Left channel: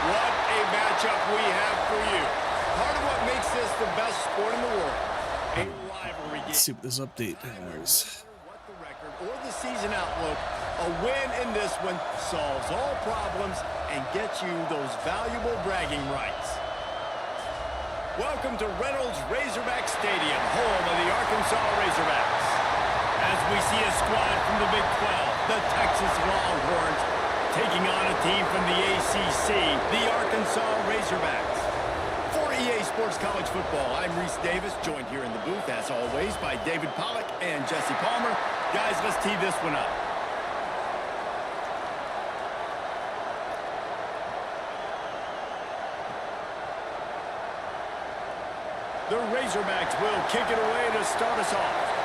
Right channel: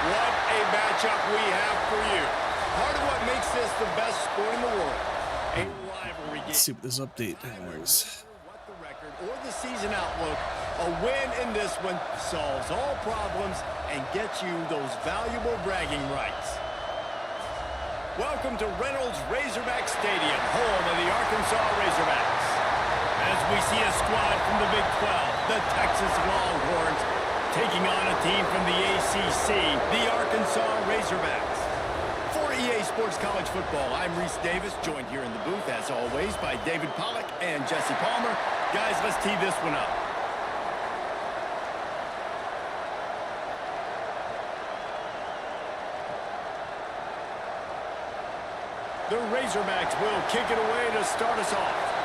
What a matchup we have for you. Part of what makes this the best sport in the world. A rivalry game. Let's see what this update has. What the record or the season outlook, a win in this one solves all problems and gets you those valuable bragging rights. Welcome to Reynolds Razorback Stadium, home of the Arkansas Razorbacks. As we see a squad from the Big 12, the Texas Longhorns, taking on a team from the ACC, the Arkansas Razorbacks. For EA Sports College Football, I'm Reese Davis, joined here in the booth, as always, by David Pollack and Jesse Palmer. Guys, let's tee this one up. The Razorbacks will kick it away to start us off.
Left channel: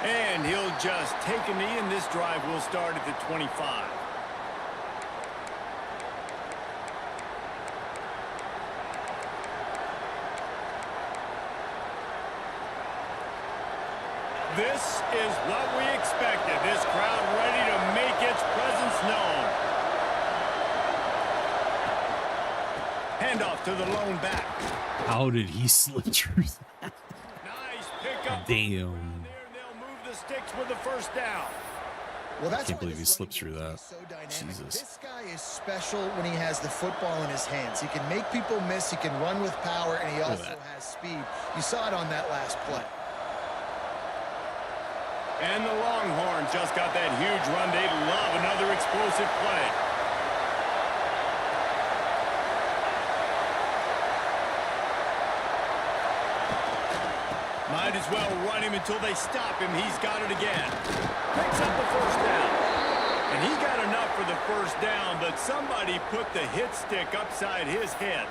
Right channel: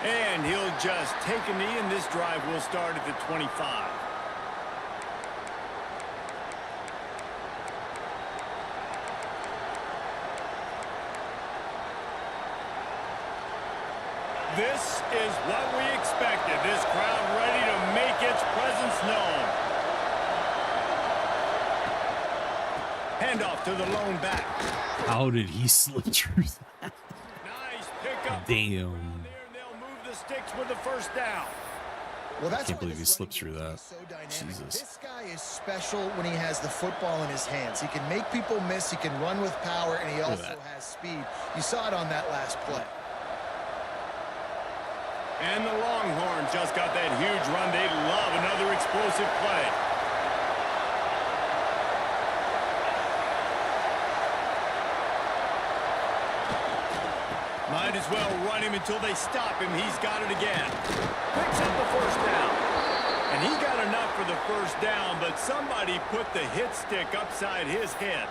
And he'll just take a knee, and this drive will start at the 25. This is what we expected. This crowd ready to make its presence known. Handoff to the lone back. How did he slip through that? Nice pickup. Damn. Sticks with the first down. Well, that's I can't believe he slipped through that. So Jesus. This guy is special when he has the football in his hands. He can make people miss, he can run with power, and he also has speed. You saw it on that last play. And the Longhorns just got that huge run. They love another explosive play. Might as well run him until they stop him. He's got it again. Picks up the first down. And he got enough for the first down, but somebody put the hit stick upside his head.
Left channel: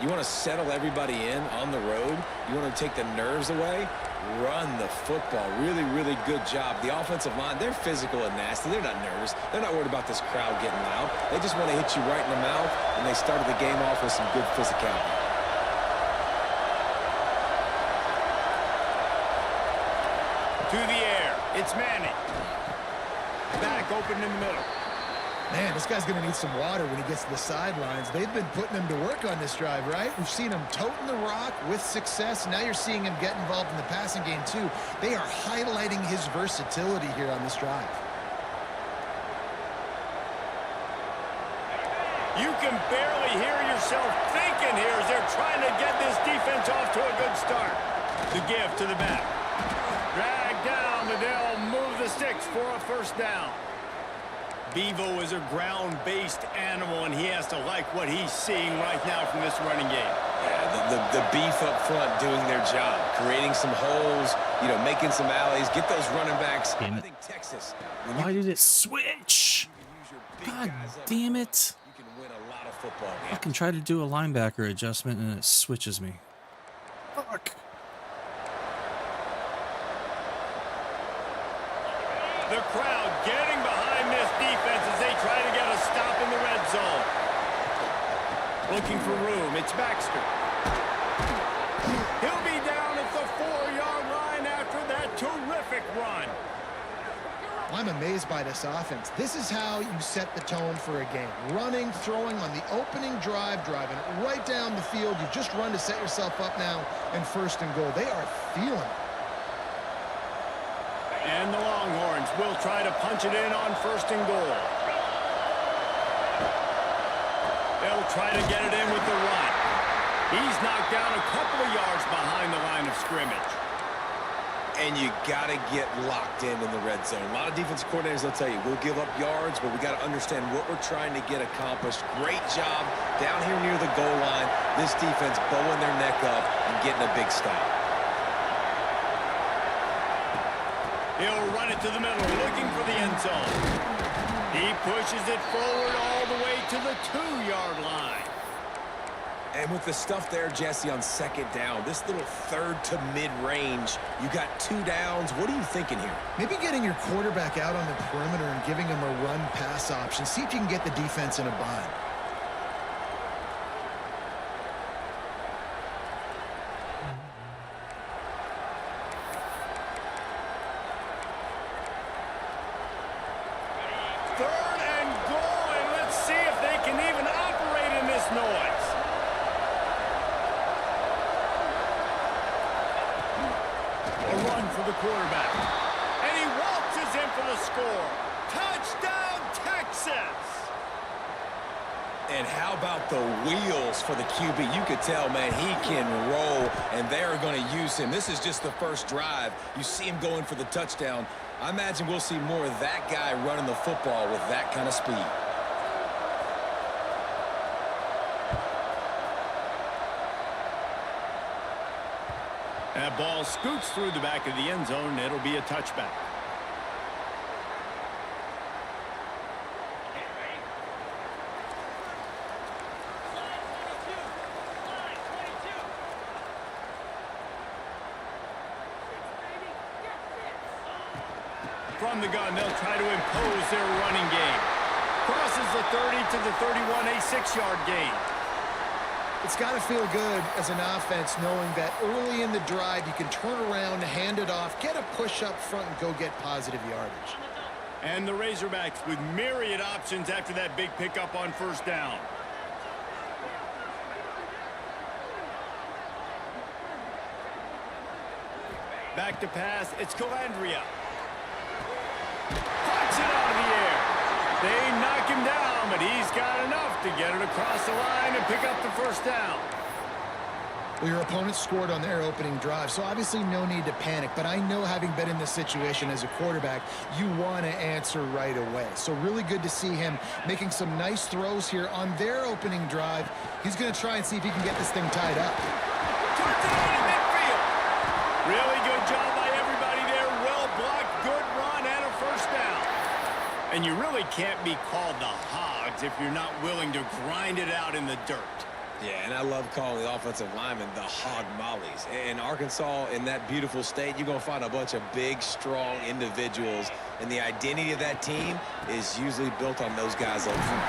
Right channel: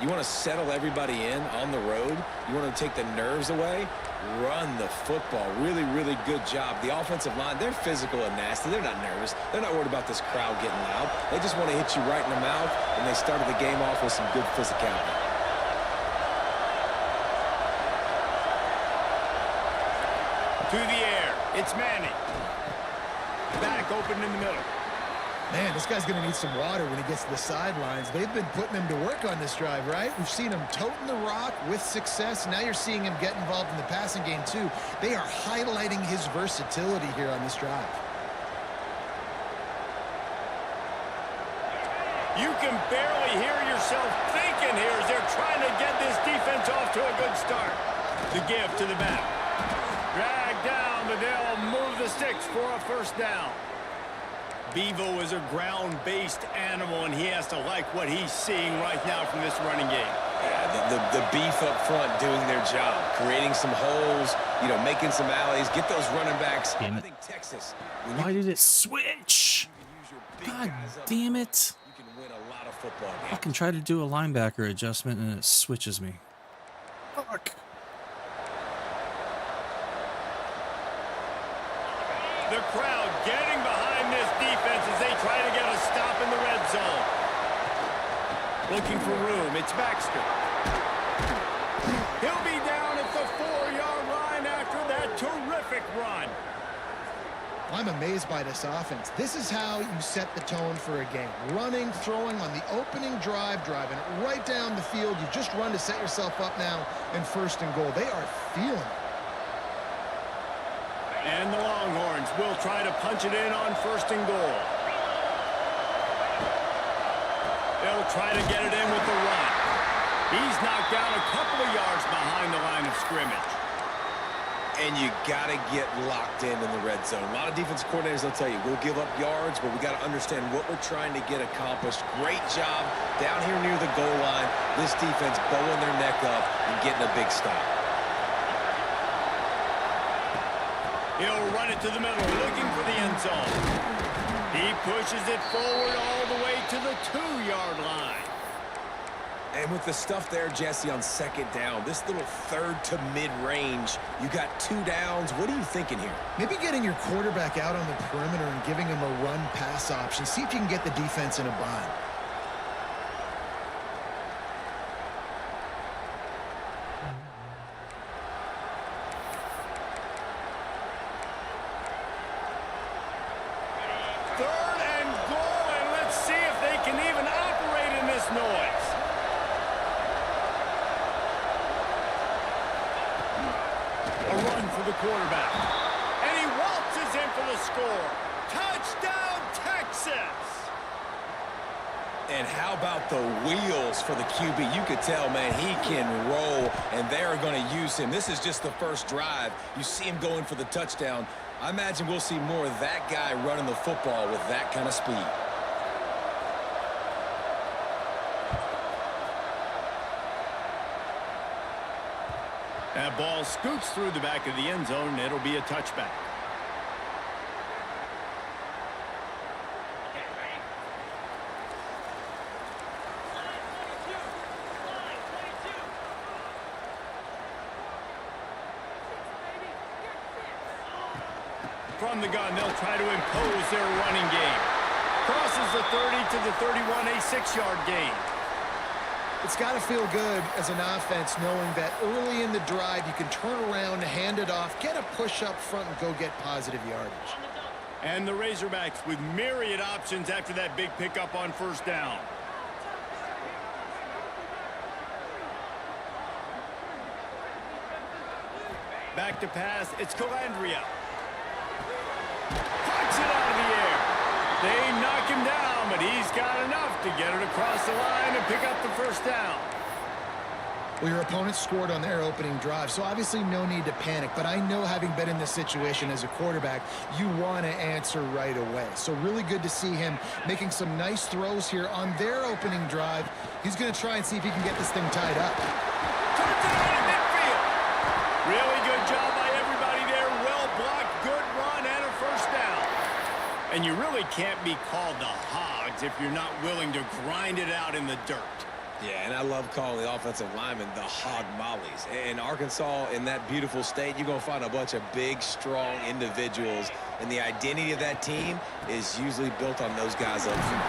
You want to settle everybody in on the road? You want to take the nerves away? Run the football. Really, really good job. The offensive line, they're physical and nasty. They're not nervous. They're not worried about this crowd getting loud. They just want to hit you right in the mouth, and they started the game off with some good physicality. To the air. It's Manning. Back open in the middle. Man, this guy's going to need some water when he gets to the sidelines. They've been putting him to work on this drive, right? We've seen him toting the rock with success. Now you're seeing him get involved in the passing game, too. They are highlighting his versatility here on this drive. You can barely hear yourself thinking here as they're trying to get this defense off to a good start. The give to the back. Drag down, but they'll move the sticks for a first down. Bevo is a ground-based animal, and he has to like what he's seeing right now from this running game. Yeah, the beef up front doing their job, creating some holes, making some alleys, get those running backs. I think Texas. Why did it switch? God damn it. You can win a lot of football games. I can try to do a linebacker adjustment, and it switches me. Fuck. The crowd getting behind this defense as they try to get a stop in the red zone. Looking for room. It's Baxter. He'll be down at the 4-yard line after that terrific run. I'm amazed by this offense. This is how you set the tone for a game. Running, throwing on the opening drive, driving it right down the field. You just run to set yourself up now in first and goal. They are feeling it. And the Longhorns will try to punch it in on first and goal. They'll try to get it in with the run. He's knocked down a couple of yards behind the line of scrimmage. And you got to get locked in the red zone. A lot of defense coordinators, they'll tell you, we'll give up yards, but we got to understand what we're trying to get accomplished. Great job down here near the goal line. This defense bowing their neck up and getting a big stop. He'll run it to the middle, looking for the end zone. He pushes it forward all the way to the 2-yard line. And with the stuff there, Jesse, on second down, this little third to mid-range, you got 2 downs. What are you thinking here? Maybe getting your quarterback out on the perimeter and giving him a run-pass option. See if you can get the defense in a bind. can even operate in this noise. A run for the quarterback. And he waltzes in for the score. Touchdown, Texas! And how about the wheels for the QB? You could tell, man, he can roll, and they are going to use him. This is just the first drive. You see him going for the touchdown. I imagine we'll see more of that guy running the football with that kind of speed. That ball scoots through the back of the end zone, and it'll be a touchback. From the gun, they'll try to impose their running game. Crosses the 30 to the 31, a 6-yard gain. It's got to feel good as an offense knowing that early in the drive you can turn around, hand it off, get a push up front, and go get positive yardage. And the Razorbacks with myriad options after that big pickup on first down. Back to pass, it's Calandria. Puts it out of the air. They knock him down, but he's got enough to get it across the line and pick up the first down. Well, your opponent scored on their opening drive, so obviously no need to panic. But I know, having been in this situation as a quarterback, you want to answer right away. So really good to see him making some nice throws here on their opening drive. He's going to try and see if he can get this thing tied up. Turns it on in midfield. Really good job by everybody there. Well blocked, good run, and a first down. And you really can't be called the Hogs if you're not willing to grind it out in the dirt. Yeah, and I love calling the offensive linemen the hog mollies. In Arkansas, in that beautiful state, you're going to find a bunch of big, strong individuals. And the identity of that team is usually built on those guys up front.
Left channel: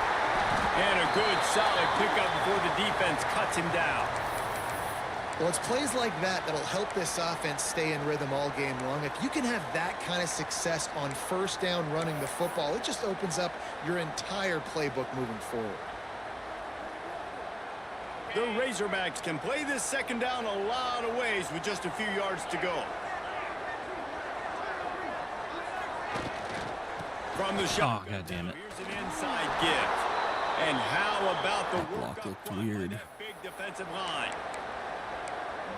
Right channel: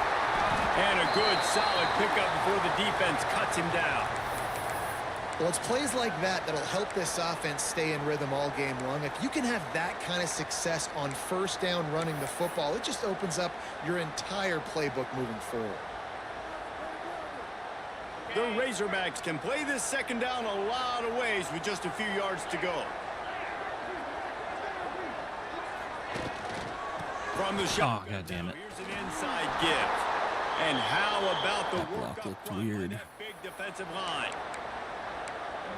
And a good, solid pickup before the defense cuts him down. Well, it's plays like that that'll help this offense stay in rhythm all game long. If you can have that kind of success on first down running the football, it just opens up your entire playbook moving forward. The Razorbacks can play this second down a lot of ways with just a few yards to go. From the shot. Oh, God damn it. Here's an inside give. And how about the work Block up looked front weird. by that big defensive line?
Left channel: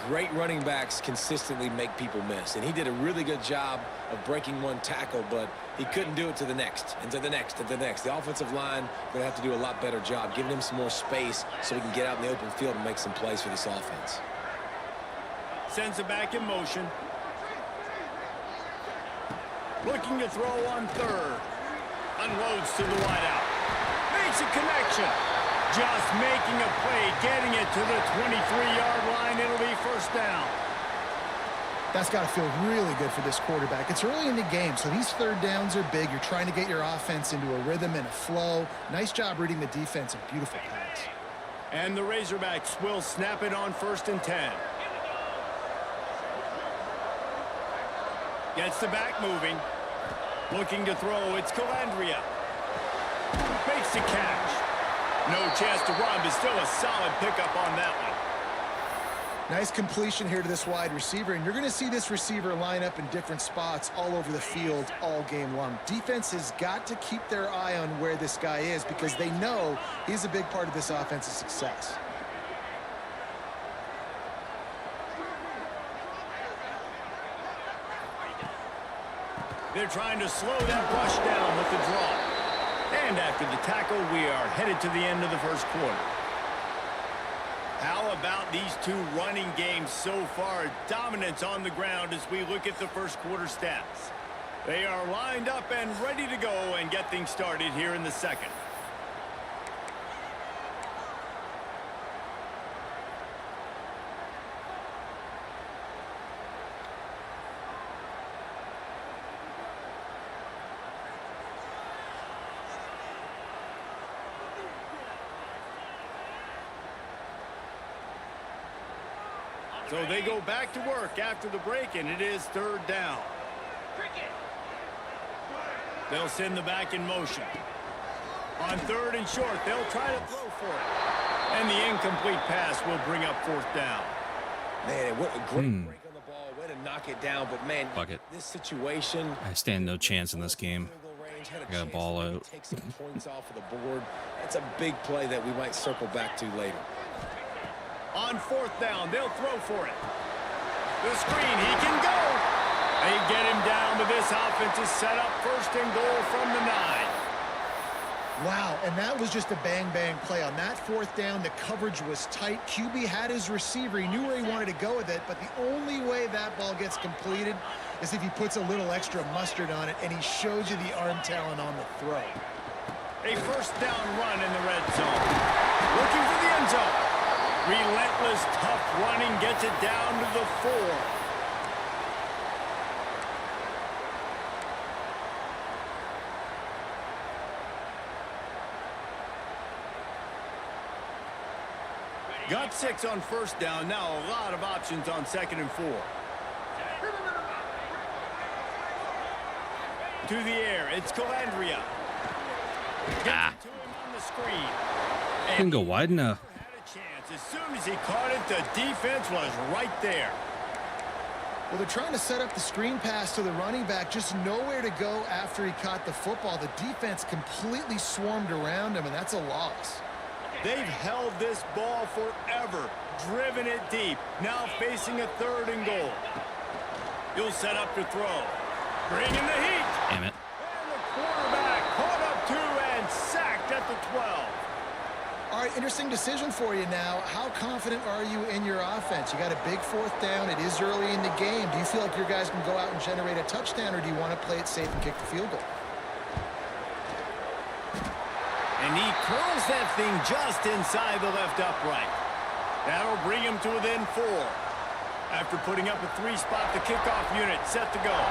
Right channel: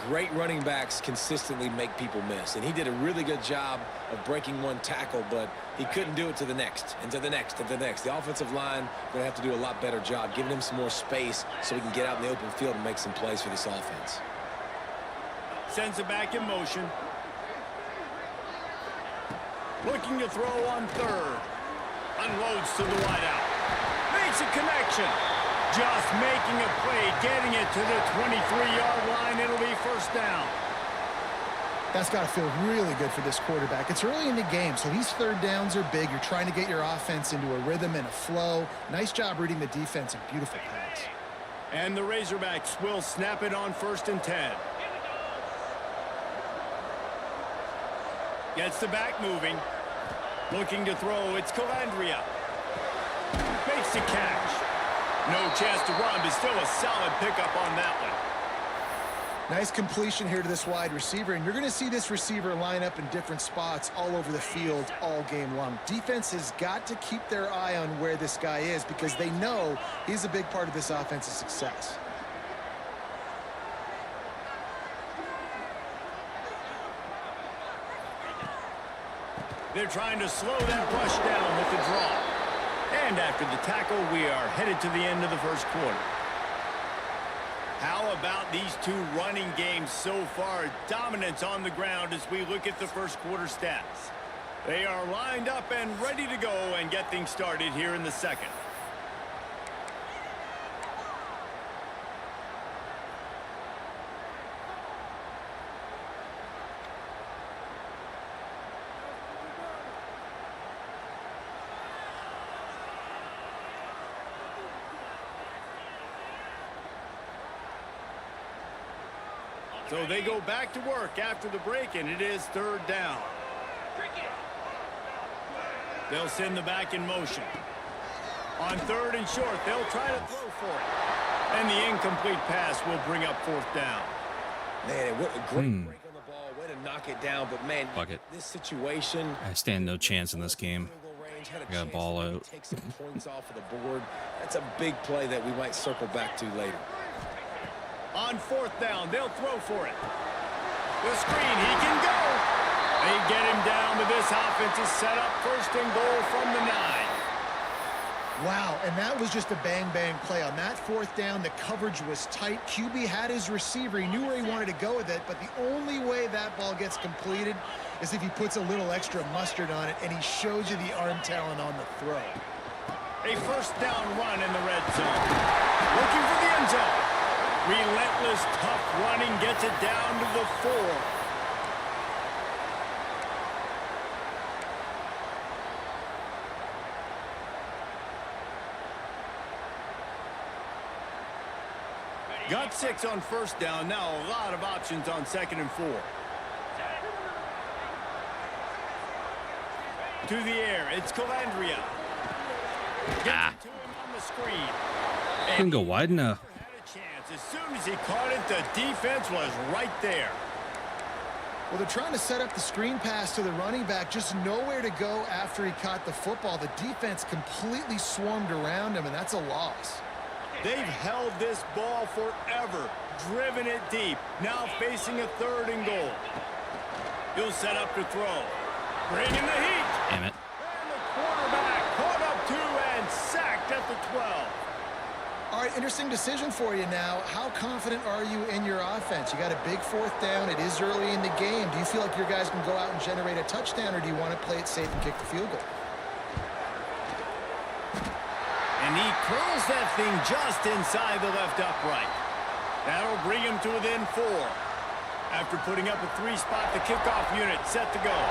Great running backs consistently make people miss, and he did a really good job of breaking one tackle, but he couldn't do it to the next, and to the next, and to the next. The offensive line going to have to do a lot better job, giving him some more space so he can get out in the open field and make some plays for this offense. Sends it back in motion. Looking to throw on third. Unloads to the wideout. Makes a connection. Just making a play, getting it to the 23-yard line. It'll be first down. That's got to feel really good for this quarterback. It's early in the game, so these third downs are big. You're trying to get your offense into a rhythm and a flow. Nice job reading the defense and beautiful pass. And the Razorbacks will snap it on 1st and 10. Gets the back moving. Looking to throw, it's Calandria. Makes the catch. No chance to run, but still a solid pickup on that one. Nice completion here to this wide receiver, and you're going to see this receiver line up in different spots all over the field all game long. Defense has got to keep their eye on where this guy is because they know he's a big part of this offense's success. They're trying to slow that rush down with the draw. And after the tackle, we are headed to the end of the first quarter. How about these two running games so far? Dominance on the ground as we look at the first quarter stats. They are lined up and ready to go and get things started here in the second. So they go back to work after the break, and it is third down. They'll send the back in motion. On 3rd and short, they'll try to throw for it. And the incomplete pass will bring up 4th down. Man, what a great break on the ball. Way to knock it down. But, man, Fuck it. this situation... I stand no chance in this game. I got a ball out. Take some points off of the board. That's a big play that we might circle back to later. On 4th down, they'll throw for it. The screen, he can go. They get him down, but this offense is set up 1st and goal from the 9. Wow, and that was just a bang-bang play. On that 4th down, the coverage was tight. QB had his receiver. He knew where he wanted to go with it, but the only way that ball gets completed is if he puts a little extra mustard on it, and he shows you the arm talent on the throw. A 1st down run in the red zone. Looking for the end zone. Relentless, tough running gets it down to the 4. Got 6 on 1st down. Now a lot of options on 2nd and 4. To the air. It's Calandria. Gets it to him on the screen. Couldn't go wide enough. Had a chance. As soon as he caught it, the defense was right there. Well, they're trying to set up the screen pass to the running back, just nowhere to go after he caught the football. The defense completely swarmed around him, and that's a loss. They've held this ball forever, driven it deep, now facing a 3rd and goal. He'll set up to throw. Bring in the heat. Damn it. And the quarterback caught up 2 and sacked at the 12. All right, interesting decision for you now. How confident are you in your offense? You got a big 4th down. It is early in the game. Do you feel like your guys can go out and generate a touchdown, or do you want to play it safe and kick the field goal? And he curls that thing just inside the left upright. That'll bring him to within 4. After putting up a 3-spot, the kickoff unit set to go.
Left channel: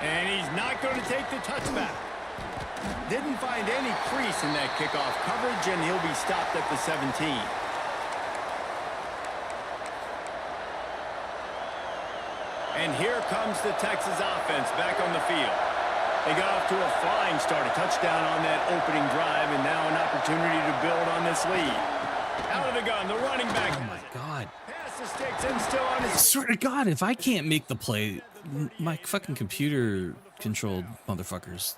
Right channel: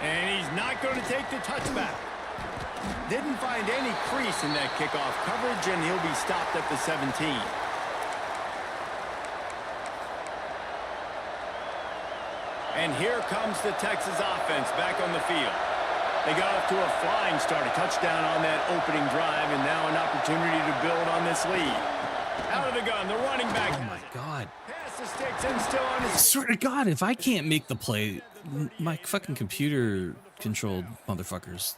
And he's not going to take the touchback. Didn't find any crease in that kickoff coverage, and he'll be stopped at the 17. And here comes the Texas offense back on the field. They got off to a flying start, a touchdown on that opening drive, and now an opportunity to build on this lead. Out of the gun, the running back. Oh my God. Pass the sticks and still on I his. swear to God, if I can't make the play, my fucking computer-controlled motherfuckers,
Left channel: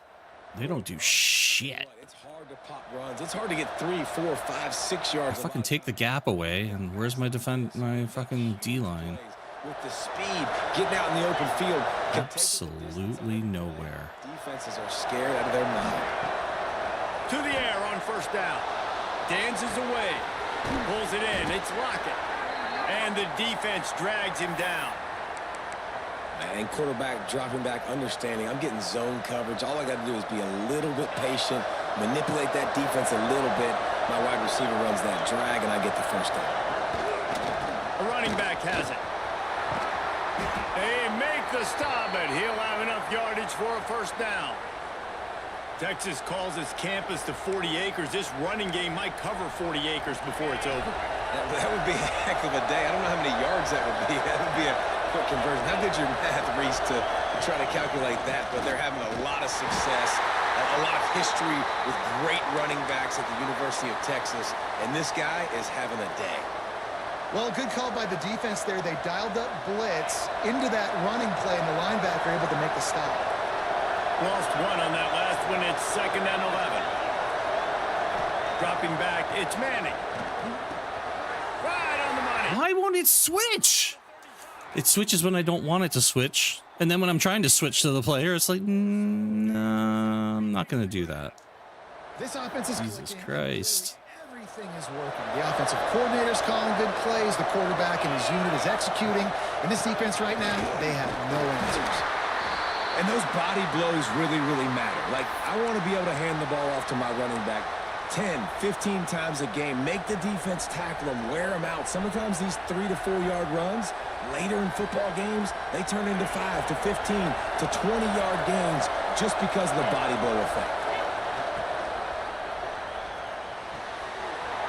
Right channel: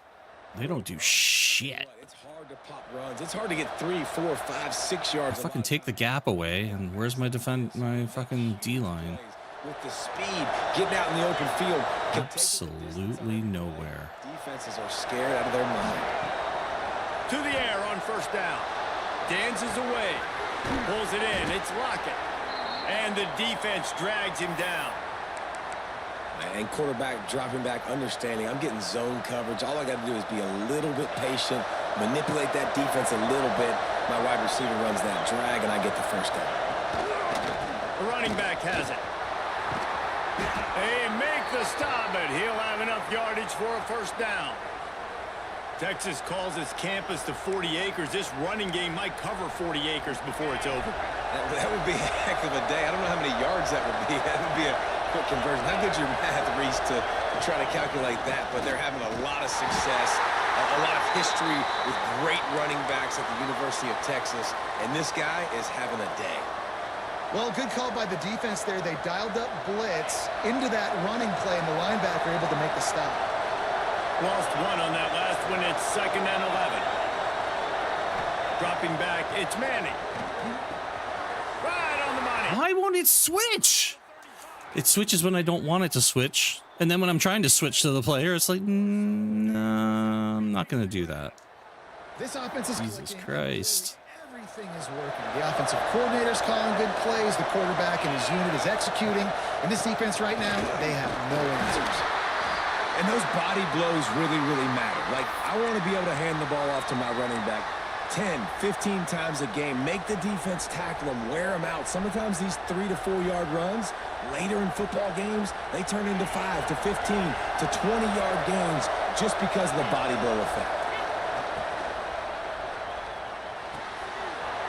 they don't do shit. It's hard to pop runs. It's hard to get 3, 4, 5, 6 yards. I fucking take the gap away, and where's my fucking D-line? With the speed, getting out in the open field. Absolutely nowhere. Defenses are scared out of their mind. To the air on 1st down. Dances away. Pulls it in. It's Lockett. And the defense drags him down. And quarterback dropping back, understanding I'm getting zone coverage. All I got to do is be a little bit patient, manipulate that defense a little bit. My wide receiver runs that drag, and I get the 1st down. The running back has it. They make the stop, but he'll have enough yardage for a 1st down. Texas calls its campus to 40 acres. This running game might cover 40 acres before it's over. That would be a heck of a day. I don't know how many yards that would be. That would be a quick conversion. How good's your math, Reese, to try to calculate that? But they're having a lot of success, a lot of history with great running backs at the University of Texas. And this guy is having a day. Well, good call by the defense there. They dialed up blitz into that running play, and the linebacker able to make the stop. Lost 1 on that last one. It's 2nd and 11. Dropping back, it's Manning. Right on the money. Why won't it switch? It switches when I don't want it to switch. And then when I'm trying to switch to the player, it's like, no, I'm not going to do that. This offense is Jesus clicking. Christ. Everything is working. The offensive coordinator's calling good plays. The quarterback and his unit is executing. And this defense right now, they have no answers. And those body blows really, really matter. Like, I want to be able to hand the ball off to my running back 10, 15 times a game. Make the defense tackle them, wear them out. Sometimes these 3 to 4 yard runs, later in football games, they turn into 5 to 15 to 20 yard gains just because of the body blow effect.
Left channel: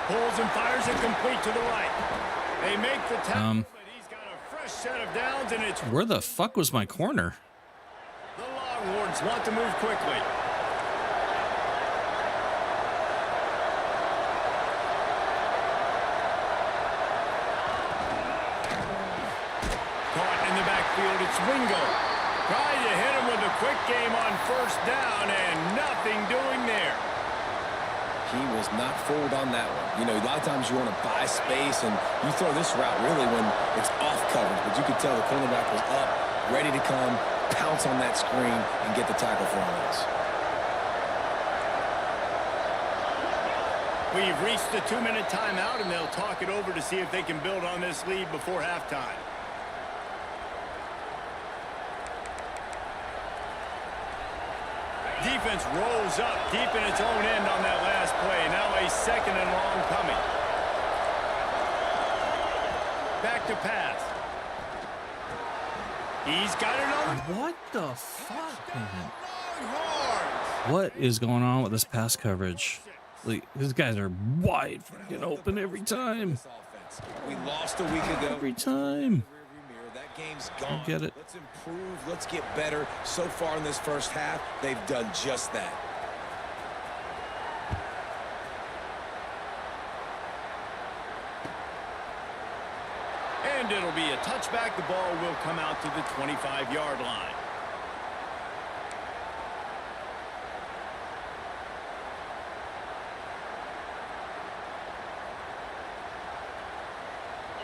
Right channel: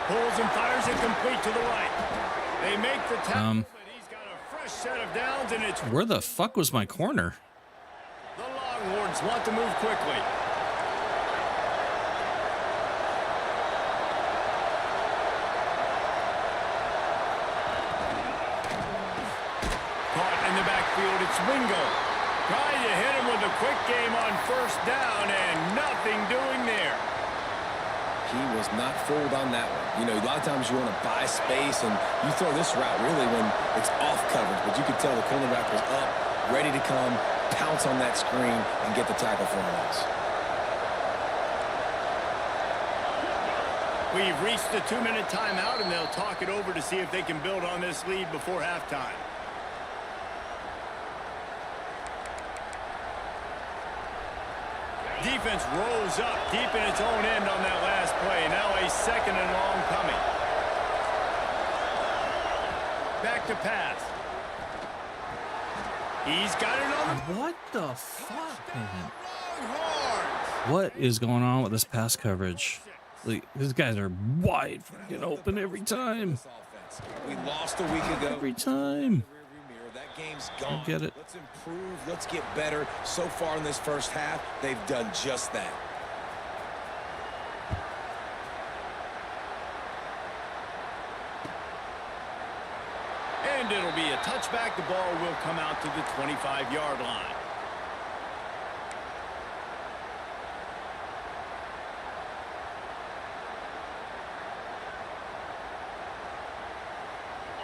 Pulls and fires it complete to the right. They make the tackle, but he's got a Fresh set of downs, and it's Where the fuck was my corner? the Longhorns want to move quickly. Caught in the backfield, it's Wingo. Trying to hit him with a quick game on first down, and nothing doing there. He was not fooled on that one. You know, a lot of times you want to buy space, and you throw this route really when it's off coverage. But you could tell the cornerback was up, ready to come, pounce on that screen, and get the tackle for a loss. We've reached the 2-minute timeout, and they'll talk it over to see if they can build on this lead before halftime. Defense rolls up deep in its own end on that last play. Now a 2nd and long coming. Back to pass. He's got it on the... What the fuck, man? Longhorns. What is going on with this pass coverage? Like, these guys are wide freaking open every time. We lost a week ago. Every time. That game's gone. Get it. Let's improve. Let's get better. So far in this first half, they've done just that. And it'll be a touchback. The ball will come out to the 25-yard line.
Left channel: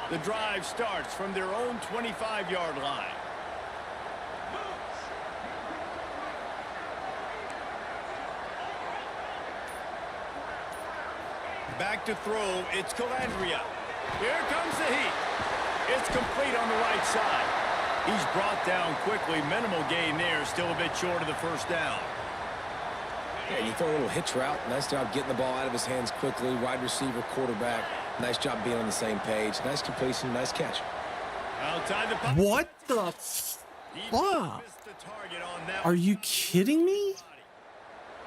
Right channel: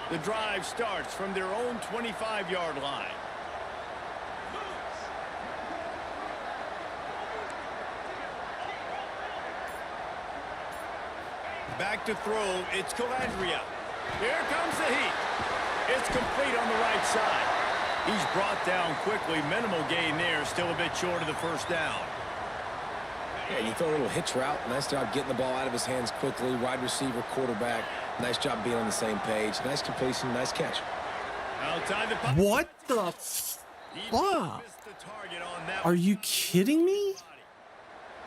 The drive starts from their own 25-yard line. Back to throw, it's Calandria. Here comes the heat. It's complete on the right side. He's brought down quickly. Minimal gain there, still a bit short of the first down. Yeah, you throw a little hitch route. Nice job getting the ball out of his hands quickly. Wide receiver, quarterback. Nice job being on the same page. Nice completion, nice catch. Outside the pocket. What the fuck? Are you kidding me?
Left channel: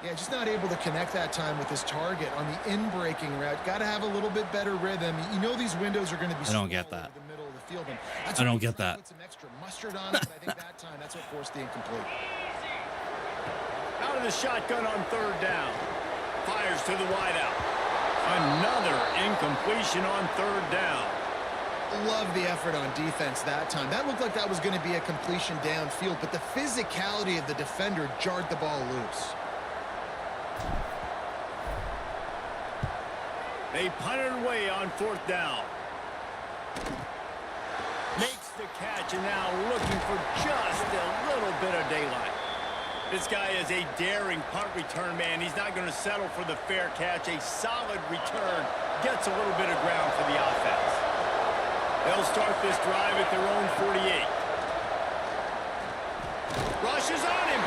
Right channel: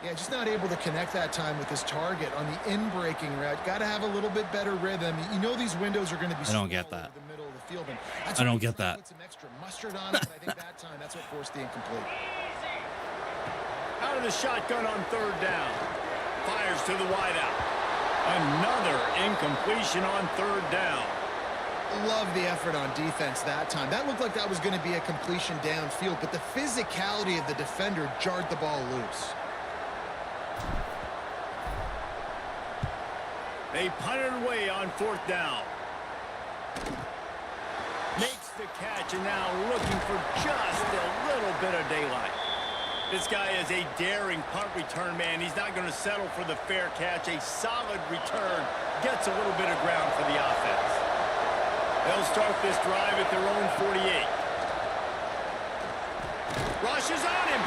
Yeah, just not able to connect that time with his target on the in-breaking route. Got to have a little bit better rhythm. You know these windows are going to be. I don't get that. The middle of the field, and that's I don't get that. Put some extra mustard on it, but I think that time that's what forced the incomplete. Out of the shotgun on 3rd down. Fires to the wideout. Another incompletion on 3rd down. Love the effort on defense that time. That looked like that was going to be a completion downfield, but the physicality of the defender jarred the ball loose. They punted away on 4th down. Makes the catch, and now looking for just a little bit of daylight. This guy is a daring punt return man. He's not going to settle for the fair catch. A solid return gets a little bit of ground for the offense. They'll start this drive at their own 48. Rush is on him.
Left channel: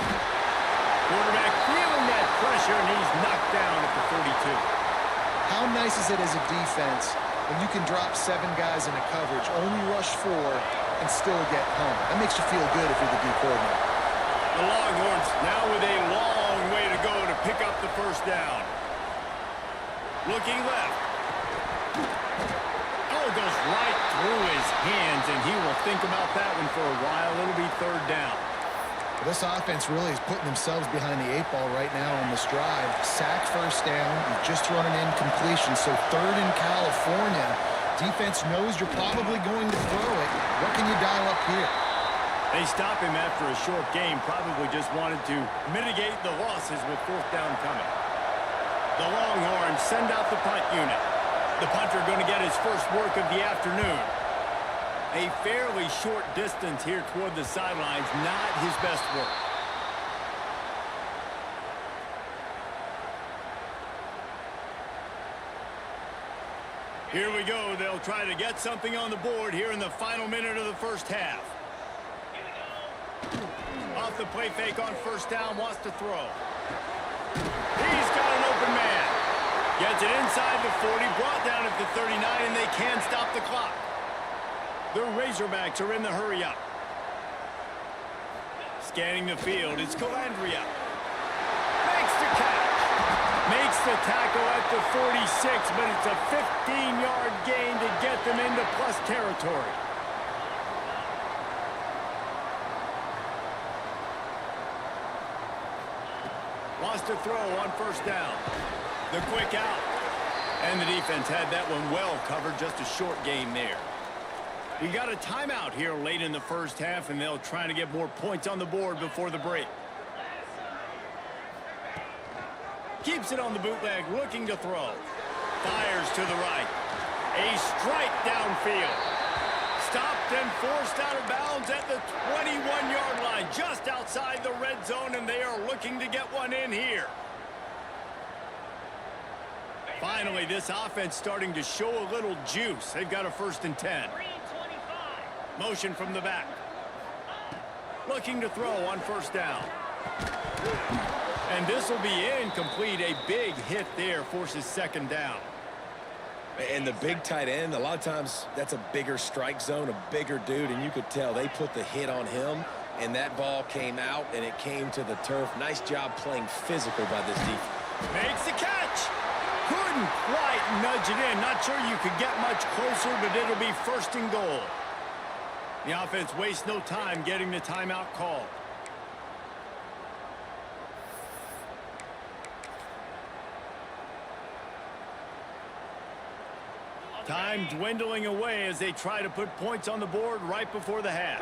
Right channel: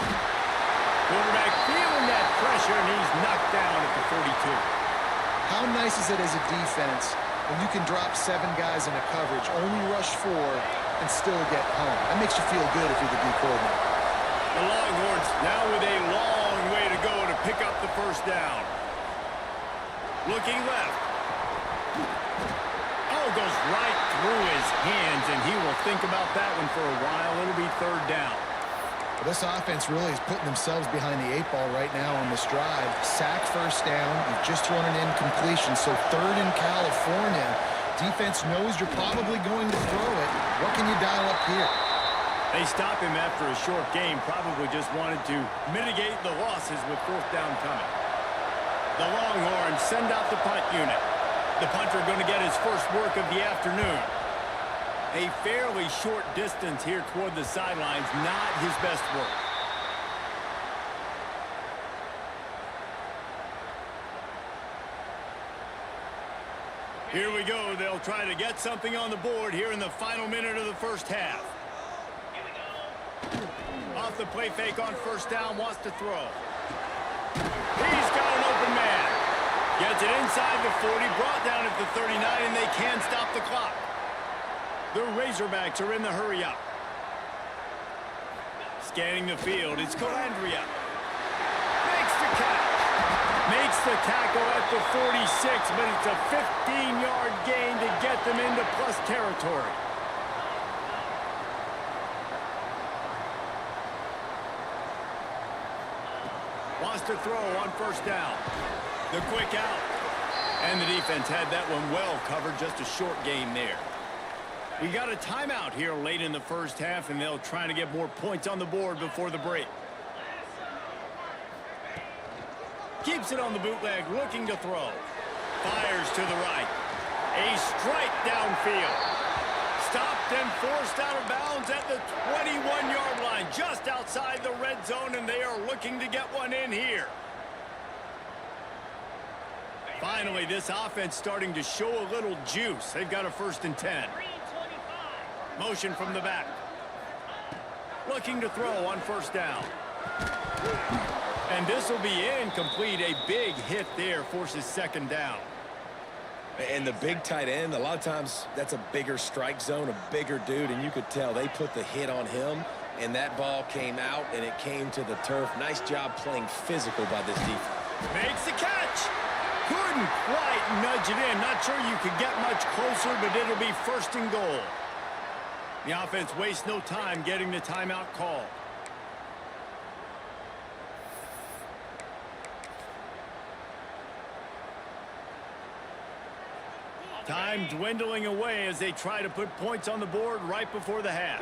Quarterback feeling that pressure, and he's knocked down at the 42. How nice is it as a defense when you can drop 7 guys in a coverage, only rush 4, and still get home? That makes you feel good if you're the D coordinator. The Longhorns now with a long way to go to pick up the first down. Looking left. Oh, it goes right through his hands, and he will think about that one for a while. It'll be 3rd down. Well, this offense really is putting themselves behind the 8 ball right now on this drive. Sack, first down. You've just thrown an incompletion, so 3rd in California. Defense knows you're probably going to throw it. What can you dial up here? They stop him after a short game. Probably just wanted to mitigate the losses with 4th down coming. The Longhorns send out the punt unit. The punter going to get his first work of the afternoon. A fairly short distance here toward the sidelines, not his best work. Here we go. They'll try to get something on the board here in the final minute of the first half. Off the play fake on 1st down, wants to throw. He's got an open man. Gets it inside the 40, brought down at the 39, and they can stop the clock. The Razorbacks are in the hurry-up. Scanning the field, it's Calandria. Makes the catch. Makes the tackle at the 46, but it's a 15-yard gain to get them into plus territory. Wants to throw on first down. The quick out. And the defense had that one well covered. Just a short gain there. We got a timeout here late in the first half, and they'll try to get more points on the board before the break. Keeps it on the bootleg, looking to throw. Fires to the right. A strike downfield. Stopped and forced out of bounds at the 21-yard line, just outside the red zone, and they are looking to get one in here. Finally, this offense starting to show a little juice. They've got a 1st and 10. Motion from the back. Looking to throw on first down. And this will be incomplete. A big hit there forces 2nd down. And the big tight end, a lot of times that's a bigger strike zone, a bigger dude, and you could tell they put the hit on him, and that ball came out, and it came to the turf. Nice job playing physical by this defense. Makes the catch. Couldn't quite nudge it in. Not sure you could get much closer, but it'll be 1st and goal. The offense wastes no time getting the timeout called. Time dwindling away as they try to put points on the board right before the half.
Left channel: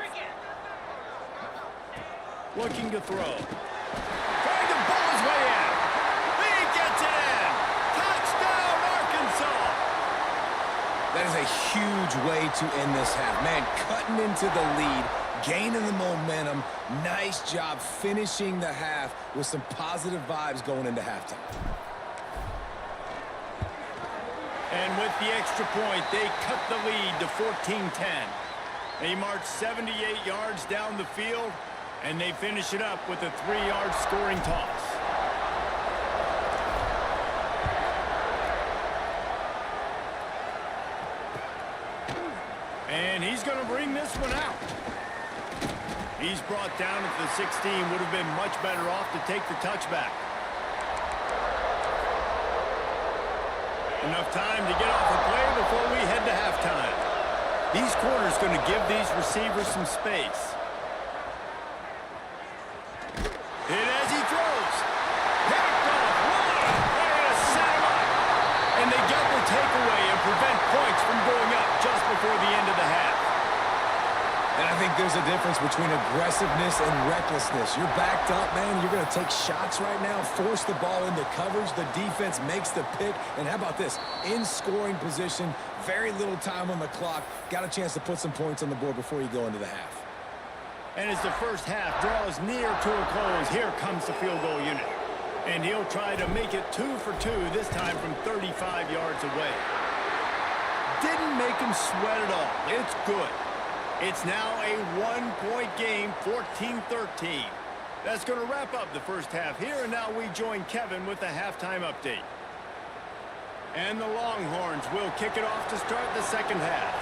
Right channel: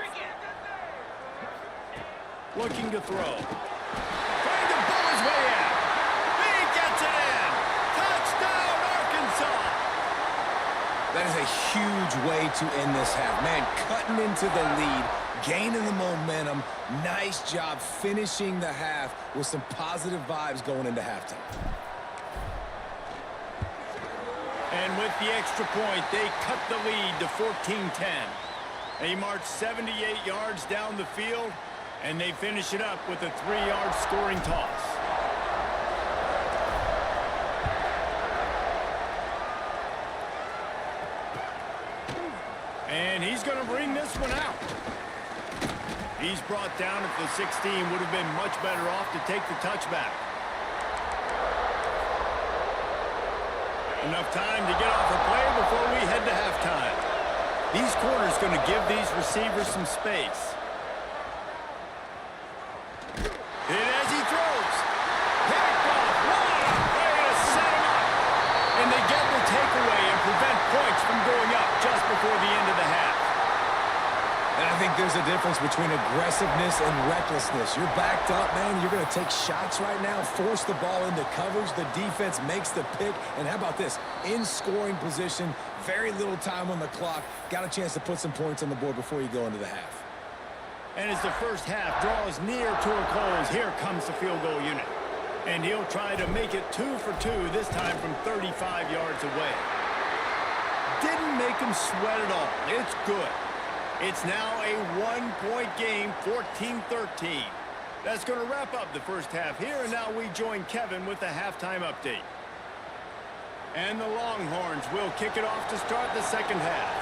Looking to throw. Trying to pull his way in. He gets it in. Touchdown, Arkansas. That is a huge way to end this half. Man, cutting into the lead, gaining the momentum. Nice job finishing the half with some positive vibes going into halftime. And with the extra point, they cut the lead to 14-10. They march 78 yards down the field, and they finish it up with a 3-yard scoring toss. And he's going to bring this one out. He's brought down at the 16. Would have been much better off to take the touchback. Enough time to get off a play before we head to halftime. These corners going to give these receivers some space. Hit as he throws. Picked off. What a way to set him up. And they get the takeaway and prevent points from going up just before the end of the half. And I think there's a difference between aggressiveness and recklessness. You're backed up, man. You're going to take shots right now, force the ball into coverage. The defense makes the pick. And how about this? In scoring position, very little time on the clock. Got a chance to put some points on the board before you go into the half. And as the first half draws near to a close, here comes the field goal unit. And he'll try to make it 2 for 2, this time from 35 yards away. Didn't make him sweat at all. It's good. It's now a 1-point game, 14-13. That's going to wrap up the first half here, and now we join Kevin with the halftime update. And the Longhorns will kick it off to start the second half.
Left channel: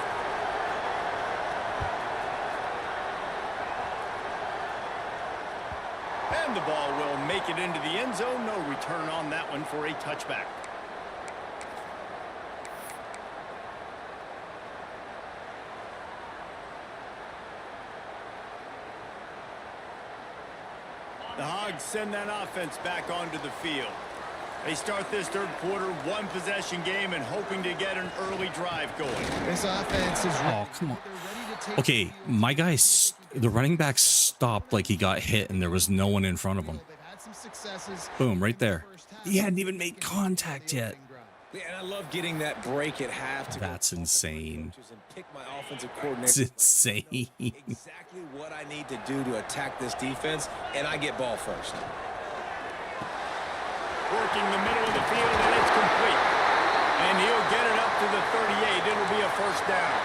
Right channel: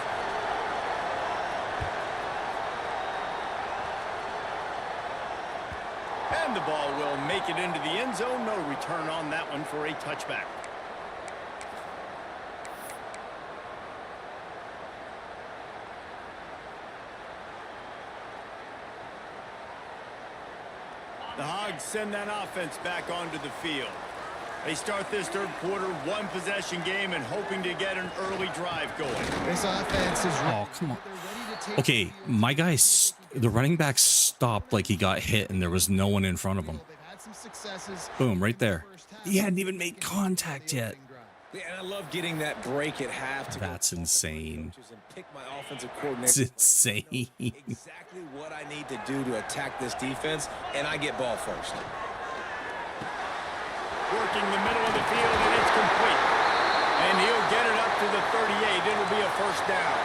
And the ball will make it into the end zone. No return on that one for a touchback. The Hogs send that offense back onto the field. They start this third quarter, 1-possession game, and hoping to get an early drive going. This offense is ready. Oh, come on. Okay, my guy, the running back stopped like he got hit and there was no one in front of him. They've had some successes. Boom, right there. He hadn't even made contact yet. Yeah, and I love getting that break at half. That's insane. And pick my offensive coordinator. It's insane. Exactly what I need to do to attack this defense, and I get ball first. Working the middle of the field, and it's complete. And he'll get it up to the 38. It'll be a first down.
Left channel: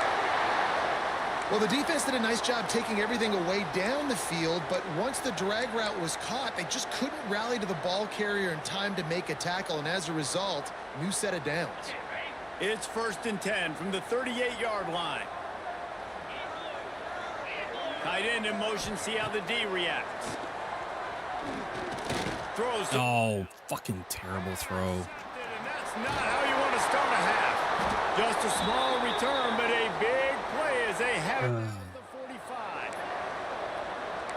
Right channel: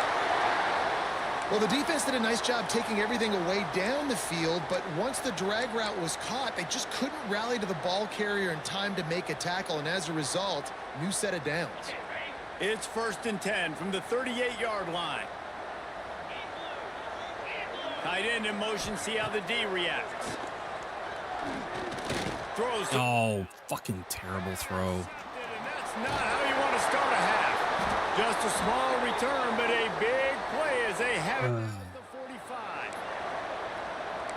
Well, the defense did a nice job taking everything away down the field, but once the drag route was caught, they just couldn't rally to the ball carrier in time to make a tackle, and as a result, new set of downs. It's 1st and 10 from the 38-yard line. Tight end in motion, see how the D reacts. Throws. Oh, fucking terrible throw. And that's not how you want to start a half. Just a small return, but a big play as they have it at the 45.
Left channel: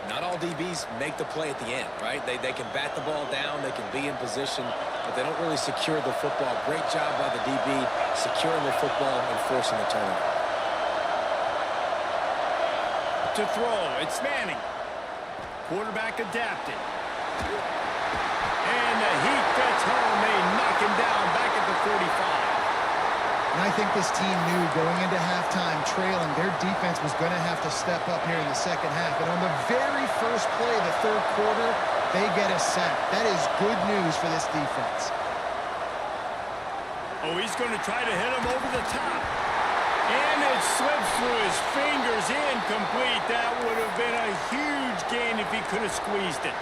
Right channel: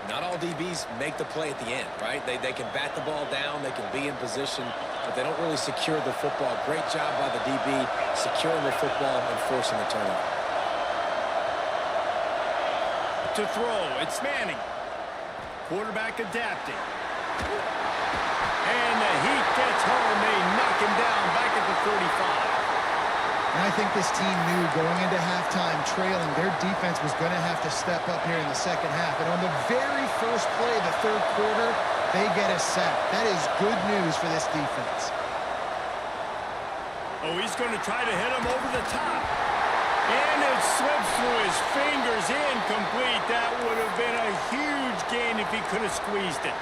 Not all DBs make the play at the end, right? They can bat the ball down, they can be in position, but they don't really secure the football. Great job by the DB securing the football and forcing the turnover. To throw, it's Manning. Quarterback adapting. And the heat gets home. They knock him down back at the 45. And I think this team knew going into halftime trailing, their defense was going to have to step up here in the second half. And on the very first play of the third quarter, they get a sack. That is good news for this defense. Oh, he's going to try to hit him over the top. And it slips through his fingers, incomplete. That would have been a huge gain if he could have squeezed it.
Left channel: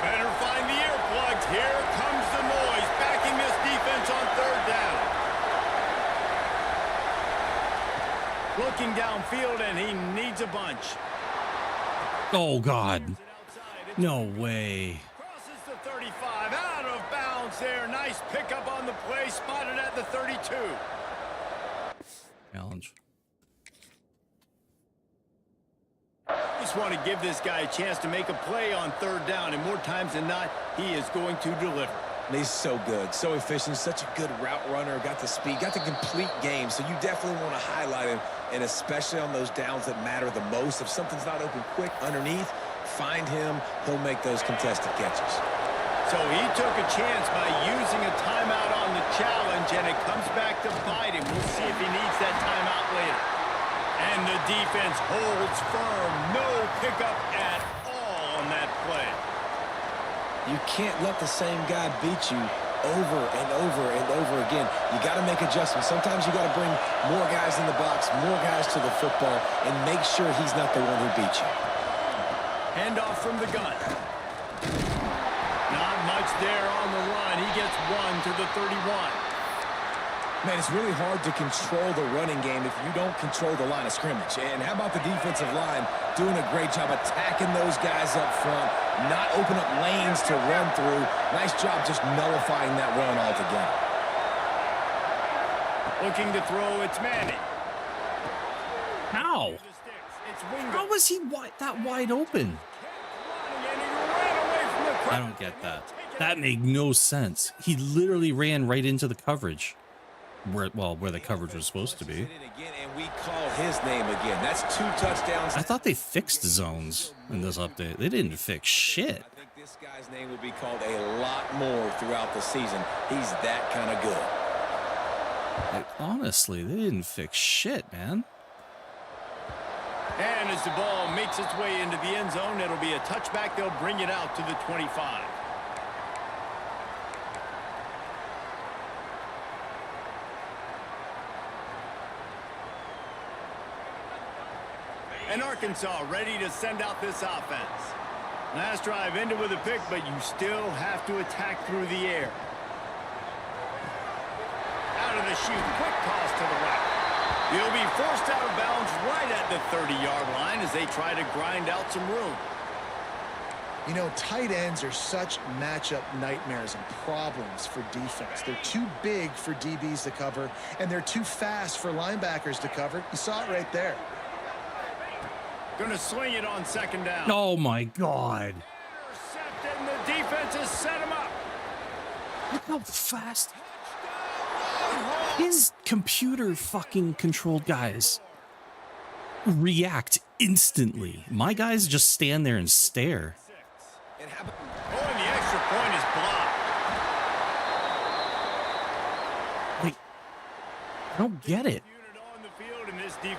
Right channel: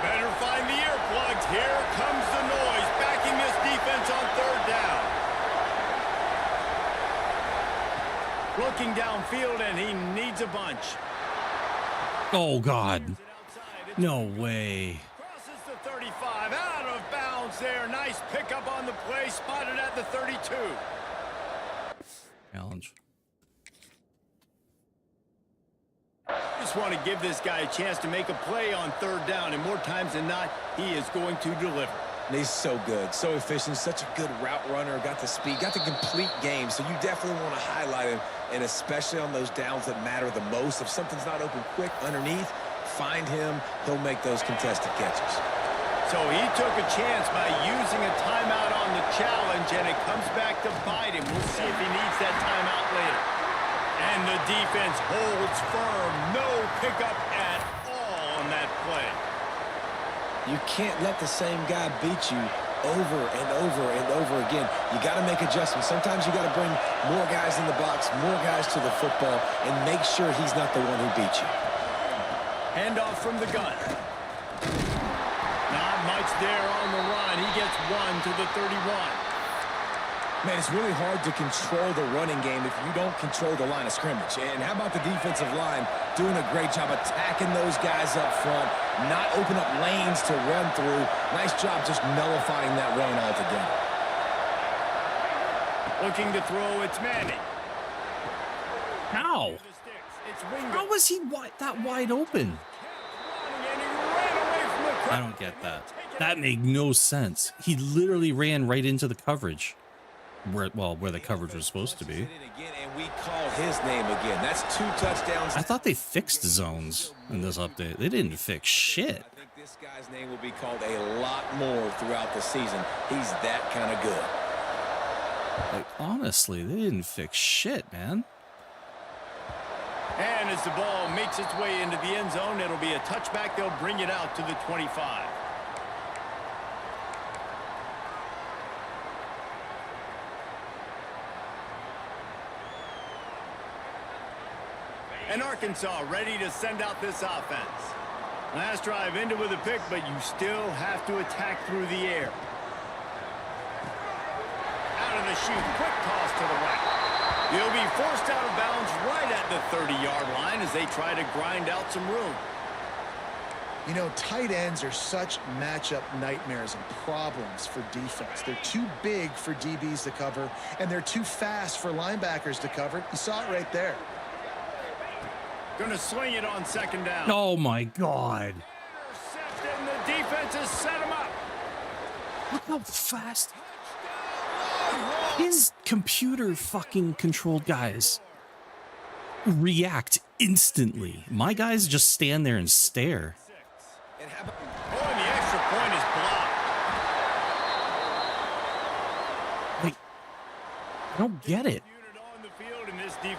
Better find the earplugs. Here comes the noise, backing this defense on third down. Looking downfield, and he needs a bunch. Oh, God. No way. Crosses the 35, out of bounds there. Nice pickup on the play, spotted at the 32. Challenge. Just want to give this guy a chance to make a play on third down, and more times than not, he is going to deliver. And he's so good, so efficient, such a good route runner, got the speed, got the complete game, so you definitely want to highlight him, and especially on those downs that matter the most. If something's not open quick underneath, find him, he'll make those contested catches. So he took a chance by using a timeout on the challenge, and it comes back to bite him. We'll see if he needs that timeout later. And the defense holds firm. No pickup at all on that play. You can't let the same guy beat you over and over and over again. You got to make adjustments. Sometimes you got to bring more guys in the box, more guys to the football, and make sure he's not the one who beat you. Handoff from the gun. Not much there on the run. He gets one to the 31. Man, it's really hard to control the running game if you don't control the line of scrimmage. And how about the defensive line doing a great job attacking those guys up front, not open up lanes to run through. Nice job just nullifying that run altogether. Looking to throw, it's Manning. How? How was he that wide open? I don't get that. That made no sense. He literally ran right into the coverage. Where the coverage was supposed to be. And we call his name again. That's 2 touchdowns. I thought they fixed zones in this update. They didn't fix shit. I think this guy's name will be called a lot more throughout the season. He's that kind of good. Like, honestly, they didn't fix shit, man. And as the ball makes its way into the end zone, it'll be a touchback. They'll bring it out to the 25. And Arkansas ready to send out this offense. Last drive ended with a pick, but you still have to attack through the air. Out of the chute, quick toss to the right. He'll be forced out of bounds right at the 30-yard line as they try to grind out some room. You know, tight ends are such matchup nightmares and problems for defense. They're too big for DBs to cover, and they're too fast for linebackers to cover. You saw it right there. Going to swing it on second down. Oh, my God. Intercepted, and the defense has set him up. Look how fast. His computer fucking controlled guys react instantly. My guys just stand there and stare. Oh, and the extra point is blocked. Like, I don't get it.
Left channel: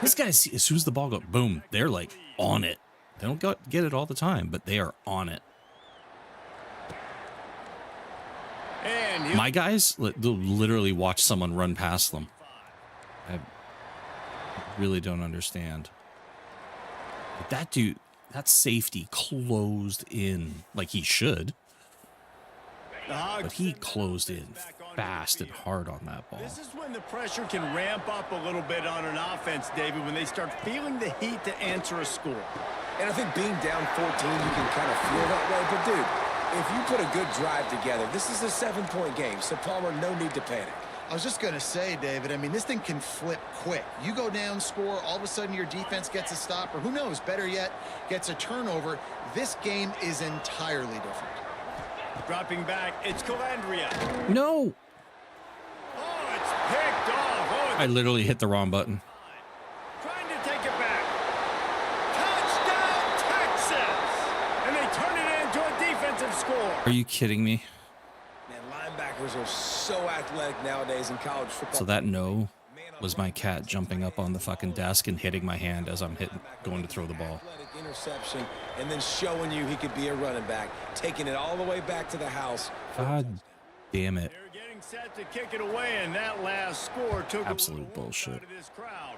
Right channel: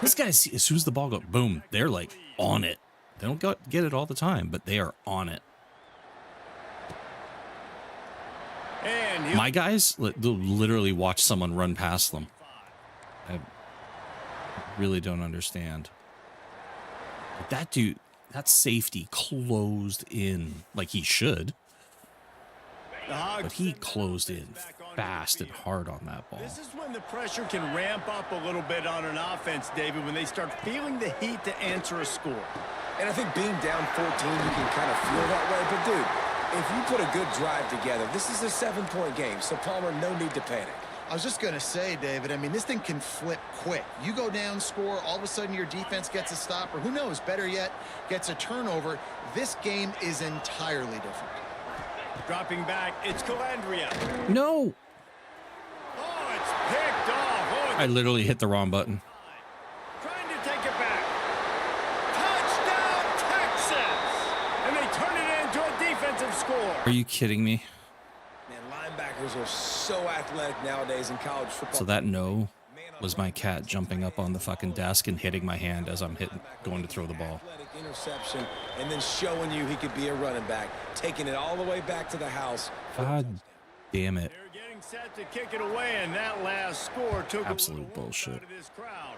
This guy, as soon as the ball goes, boom, they're like on it. They don't get it all the time, but they are on it. And my guys, they'll literally watch someone run past them. I really don't understand. That dude, that safety closed in like he should. But he closed in fast and hard on that ball. This is when the pressure can ramp up a little bit on an offense, David, when they start feeling the heat to answer a score. And I think being down 14, you can kind of feel that way. But, dude, if you put a good drive together, this is a 7-point game, so, Palmer, no need to panic. I was just going to say, David, I mean, this thing can flip quick. You go down, score, all of a sudden your defense gets a stop, or who knows, better yet, gets a turnover. This game is entirely different. Dropping back, it's Calandria. No. Oh, it's picked off. Oh, I literally hit the wrong button. trying to take it back. Touchdown, Texas! And they turn it into a defensive score. Are you kidding me? Man, linebackers are so athletic nowadays in college football. So that no was my cat jumping up on the fucking desk and hitting my hand as I'm going to throw the ball. Athletic interception, and then showing you he could be a running back, taking it all the way back to the house. God damn it. They're getting set to kick it away, and that last score took Absolute a little bullshit. out of this crowd.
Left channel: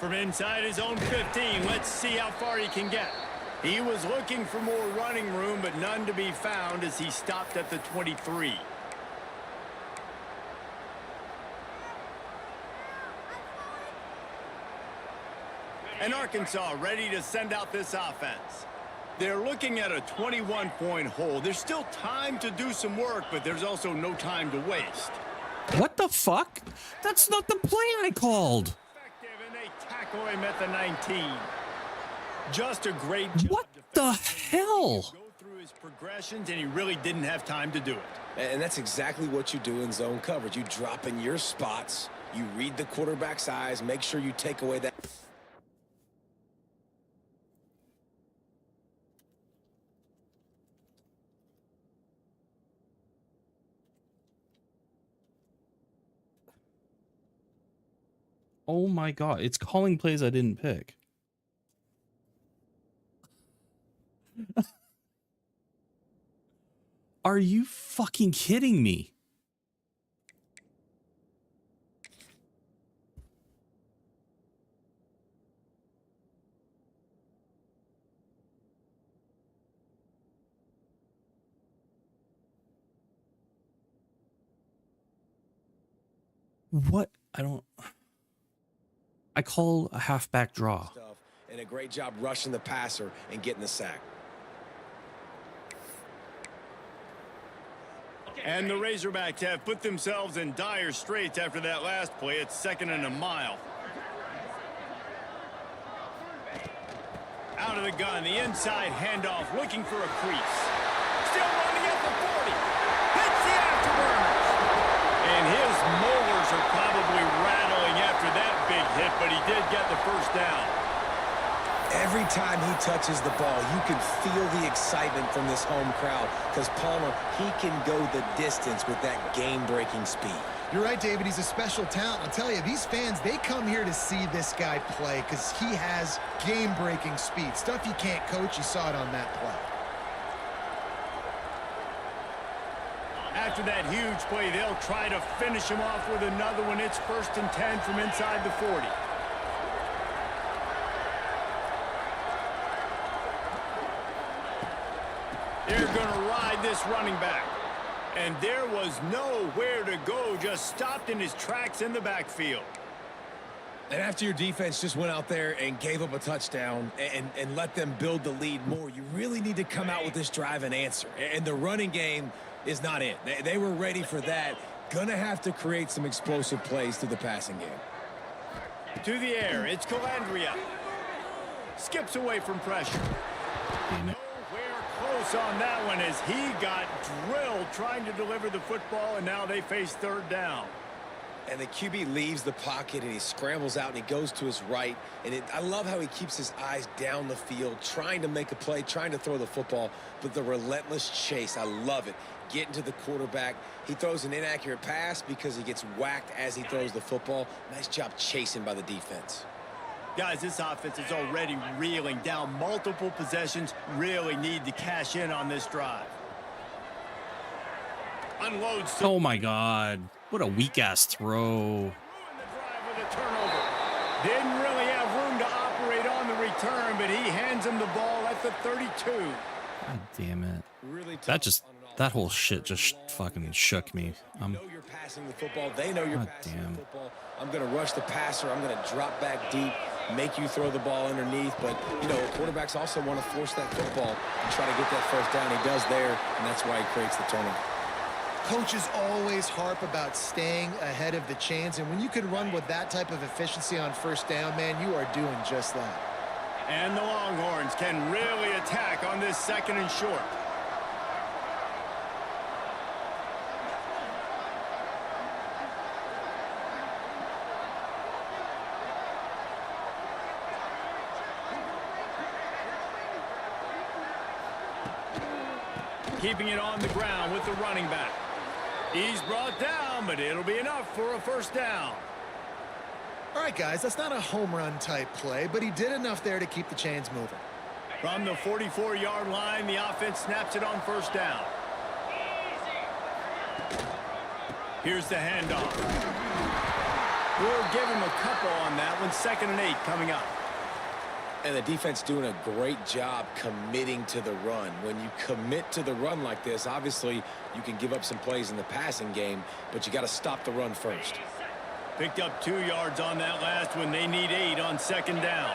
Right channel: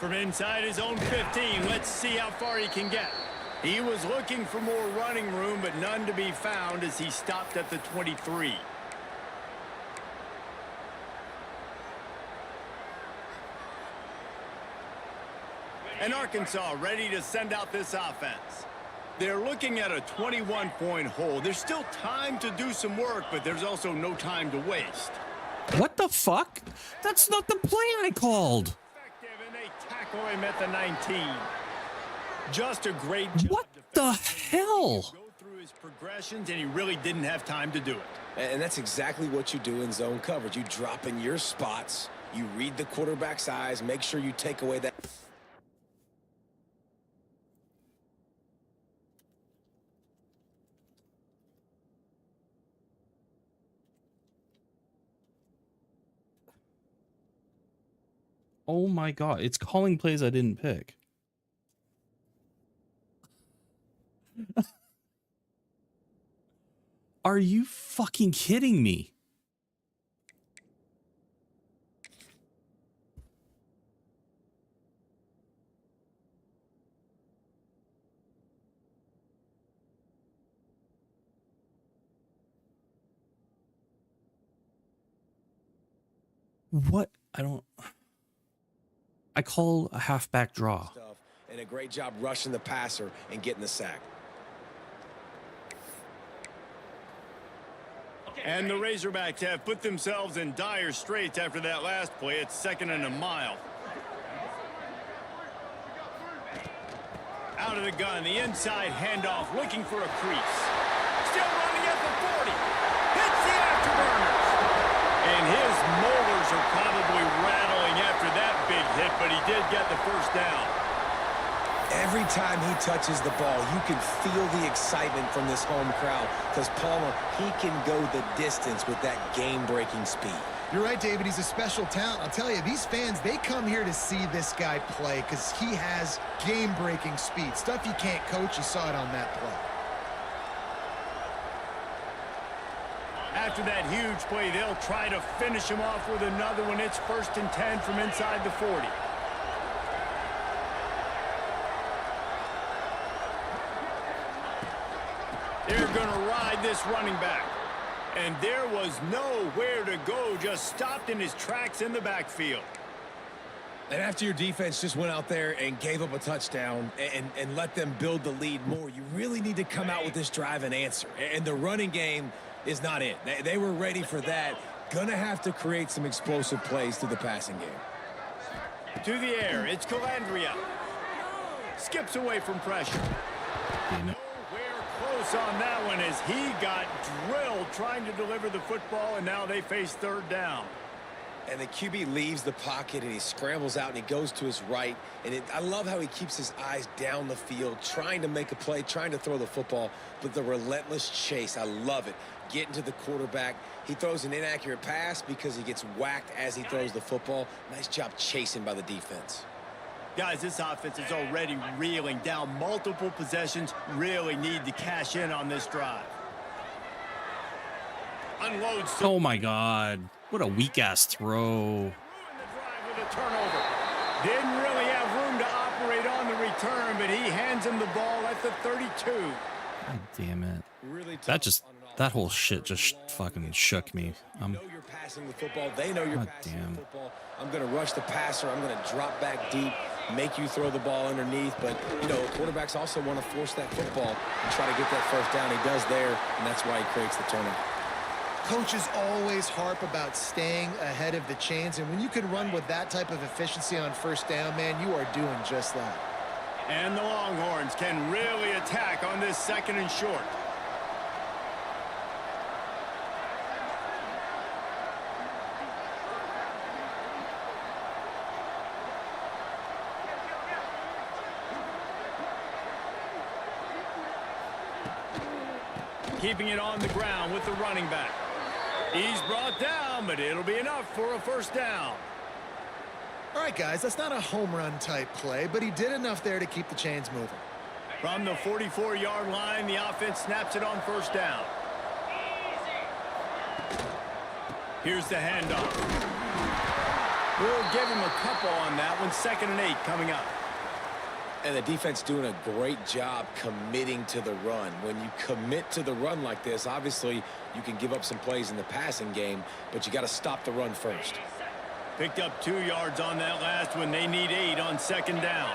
From inside his own 15, let's see how far he can get. He was looking for more running room, but none to be found as he stopped at the 23. And Arkansas ready to send out this offense. They're looking at a 21-point hole. There's still time to do some work, but there's also no time to waste. What the fuck? That's not the play I called. Effective, and they tackle him at the 19. Just a great job. What the hell? Go through his progressions, and he really didn't have time to do it. And that's exactly what you do in zone coverage. You drop in your spots, you read the quarterback's eyes, make sure you take away that. Oh my god, it's calling plays I didn't pick. Are you fucking kidding me? What? I call a halfback draw. And a great job rushing the passer and getting the sack. And the Razorbacks have put themselves in dire straits after that last play. It's 2nd and a mile. Out of the gun, the inside handoff, looking for a crease. Still running at the 40. Hits the afterburners. And his molars are probably rattling after that big hit, but he did get the first down. Every time he touches the ball, you can feel the excitement from this home crowd because Palmer, he can go the distance with that game-breaking speed. You're right, David. He's a special talent. I'll tell you, these fans, they come here to see this guy play because he has game-breaking speed. Stuff you can't coach. You saw it on that play. After that huge play, they'll try to finish him off with another one. It's 1st and 10 from inside the 40. They're going to ride this running back. And there was nowhere to go, just stopped in his tracks in the backfield. And after your defense just went out there and gave up a touchdown and let them build the lead more, you really need to come out with this drive and answer. And the running game is not it. They were ready for that. Gonna have to create some explosive plays through the passing game. To the air, it's Calandria. Skips away from pressure. Damn it. Nowhere close on that one as he got drilled trying to deliver the football, and now they face 3rd down. And the QB leaves the pocket and he scrambles out and he goes to his right. And I love how he keeps his eyes down the field, trying to make a play, trying to throw the football, but the relentless chase, I love it. Getting to the quarterback. He throws an inaccurate pass because he gets whacked as he throws the football. Nice job chasing by the defense. Guys, this offense is already reeling down multiple possessions. Really need to cash in on this drive. Unloads. Oh my god. What a weak-ass throw. Ruined the drive with a turnover. Didn't really have room to operate on the return, but he hands him the ball at the 32. God damn it. Really That whole shit just fucking shook me. You know you're passing the football. They know you're passing the football. I'm going to rush the passer. I'm going to drop back deep, make you throw the ball underneath. But, you know, quarterbacks also want to force that football and try to get that first down. He does there, and that's why he creates the turnover. Coaches always harp about staying ahead of the chains, and when you can run with that type of efficiency on first down, man, you are doing just that. And the Longhorns can really attack on this 2nd and short. Keeping it on the ground with the running back. He's brought down, but it'll be enough for a first down. All right, guys, that's not a home run type play, but he did enough there to keep the chains moving. From the 44-yard line, the offense snaps it on first down. Here's the handoff. We'll give him a couple on that one. 2nd and 8 coming up. And the defense doing a great job committing to the run. When you commit to the run like this, obviously you can give up some plays in the passing game, but you got to stop the run first. Picked up 2 yards on that last one. They need 8 on 2nd down.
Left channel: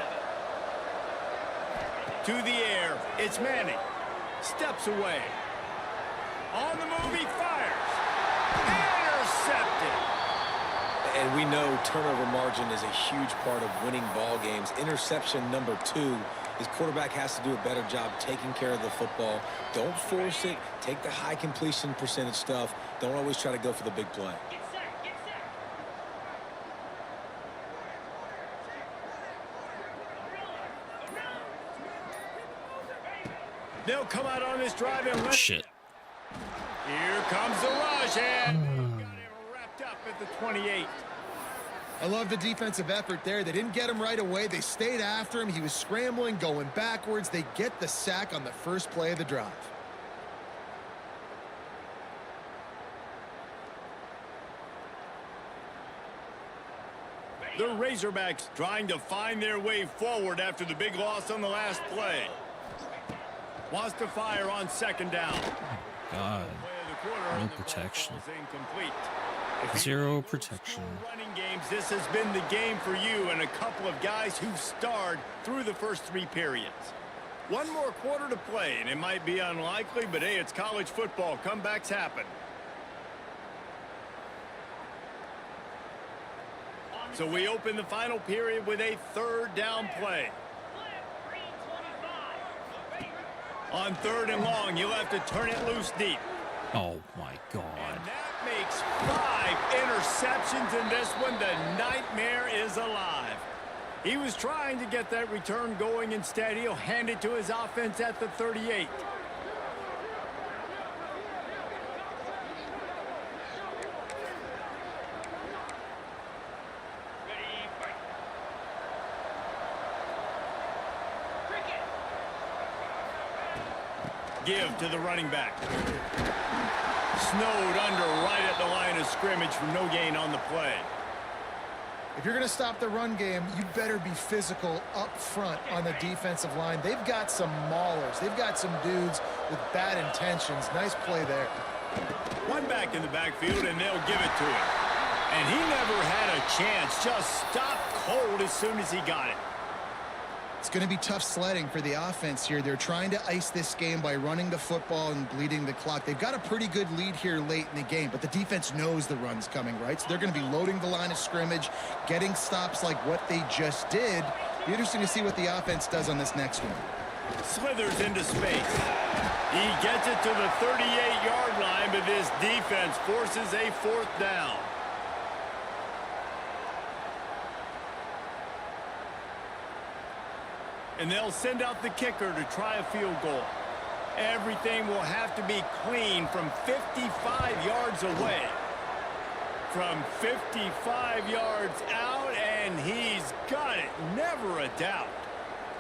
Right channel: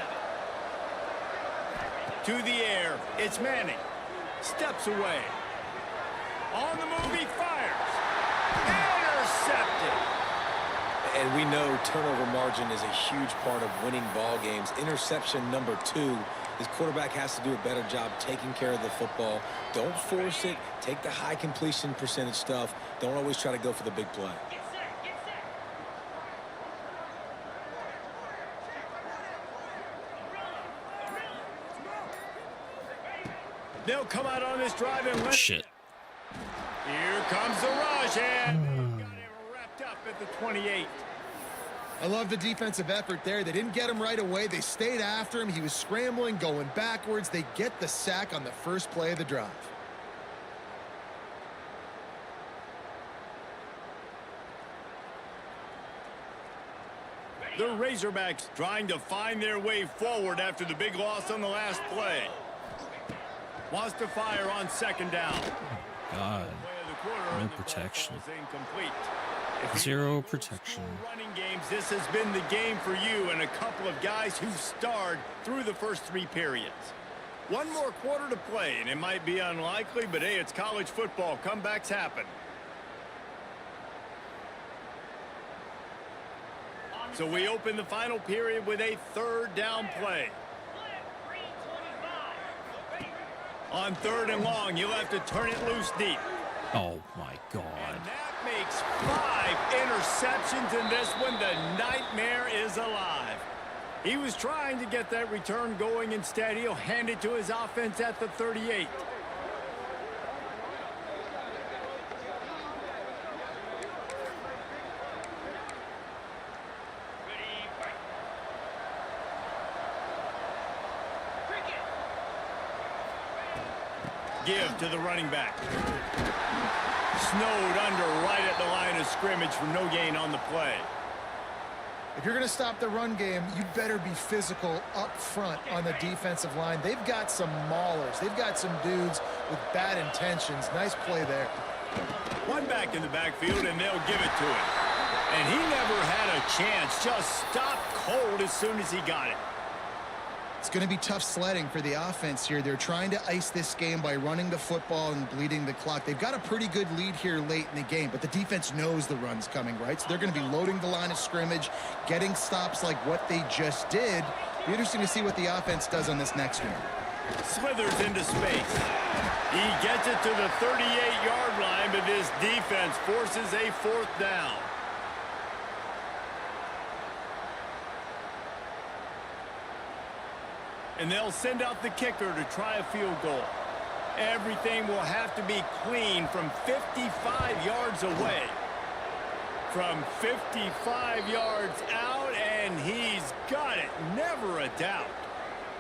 To the air, it's Manning. Steps away. On the move, he fires. Intercepted. And we know turnover margin is a huge part of winning ball games. Interception number 2. His quarterback has to do a better job taking care of the football. Don't force it. Take the high completion percentage stuff. Don't always try to go for the big play. They'll come out on this drive and let Shit. Here comes the rush, and got him wrapped up at the 28. I love the defensive effort there. They didn't get him right away. They stayed after him. He was scrambling, going backwards. They get the sack on the first play of the drive. The Razorbacks trying to find their way forward after the big loss on the last play. Wants to fire on 2nd down. God. No protection. If Zero protection. Running games, this has been the game for you and a couple of guys who starred through the first 3 periods. One more quarter to play, and it might be unlikely, but hey, it's college football. Comebacks happen. So we open the final period with a 3rd down play. On 3rd and long, you'll have to turn it loose deep. Oh, my God. And that makes 5 interceptions in this one. The nightmare is alive. He was trying to get that return going. Instead, he'll hand it to his offense at the 38. Give to the running back. Snowed under right at the line of scrimmage for no gain on the play. If you're going to stop the run game, you better be physical up front on the defensive line. They've got some maulers. They've got some dudes with bad intentions. Nice play there. One back in the backfield, and they'll give it to him. And he never had a chance. Just stopped cold as soon as he got it. It's going to be tough sledding for the offense here. They're trying to ice this game by running the football and bleeding the clock. They've got a pretty good lead here late in the game, but the defense knows the run's coming, right? So they're going to be loading the line of scrimmage, getting stops like what they just did. Be interesting to see what the offense does on this next one. Slithers into space. He gets it to the 38-yard line, but this defense forces a 4th down. And they'll send out the kicker to try a field goal. Everything will have to be clean from 55 yards away. From 55 yards out, and he's got it. Never a doubt.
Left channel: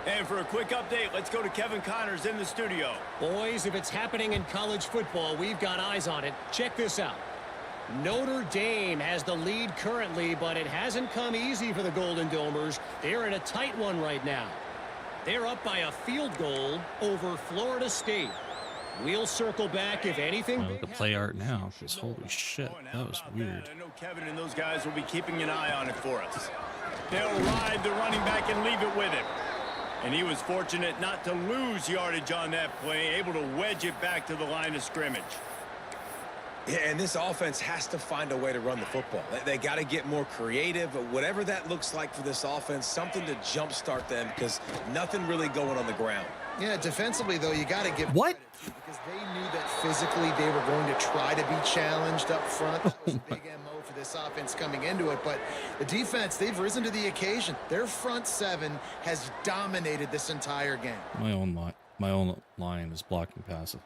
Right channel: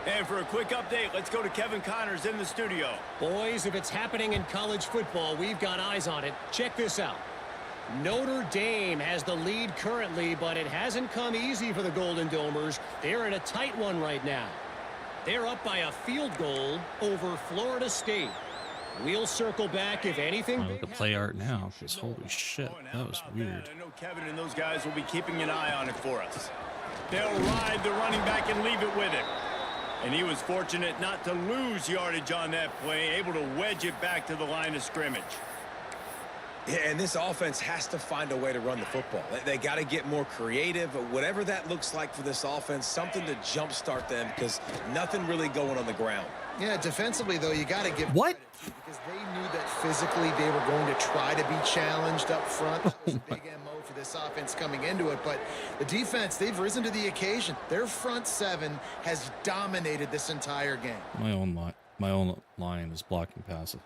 And for a quick update, let's go to Kevin Connors in the studio. Boys, if it's happening in college football, we've got eyes on it. Check this out. Notre Dame has the lead currently, but it hasn't come easy for the Golden Domers. They're in a tight one right now. They're up by a field goal over Florida State. We'll circle back if anything. Look at the play art now, because holy shit, that was weird. I know Kevin and those guys will be keeping an eye on it for us. They'll ride the running back and leave it with him. And he was fortunate not to lose yardage on that play, able to wedge it back to the line of scrimmage. Yeah, and this offense has to find a way to run the football. They got to get more creative, whatever that looks like for this offense, something to jumpstart them because nothing really going on the ground. Yeah, defensively, though, you got to give What? credit, too, because they knew that physically they were going to try to be challenged up front. That was a big MO for this offense coming into it. But the defense, they've risen to the occasion. Their front seven has dominated this entire game. My own line is blocking passive.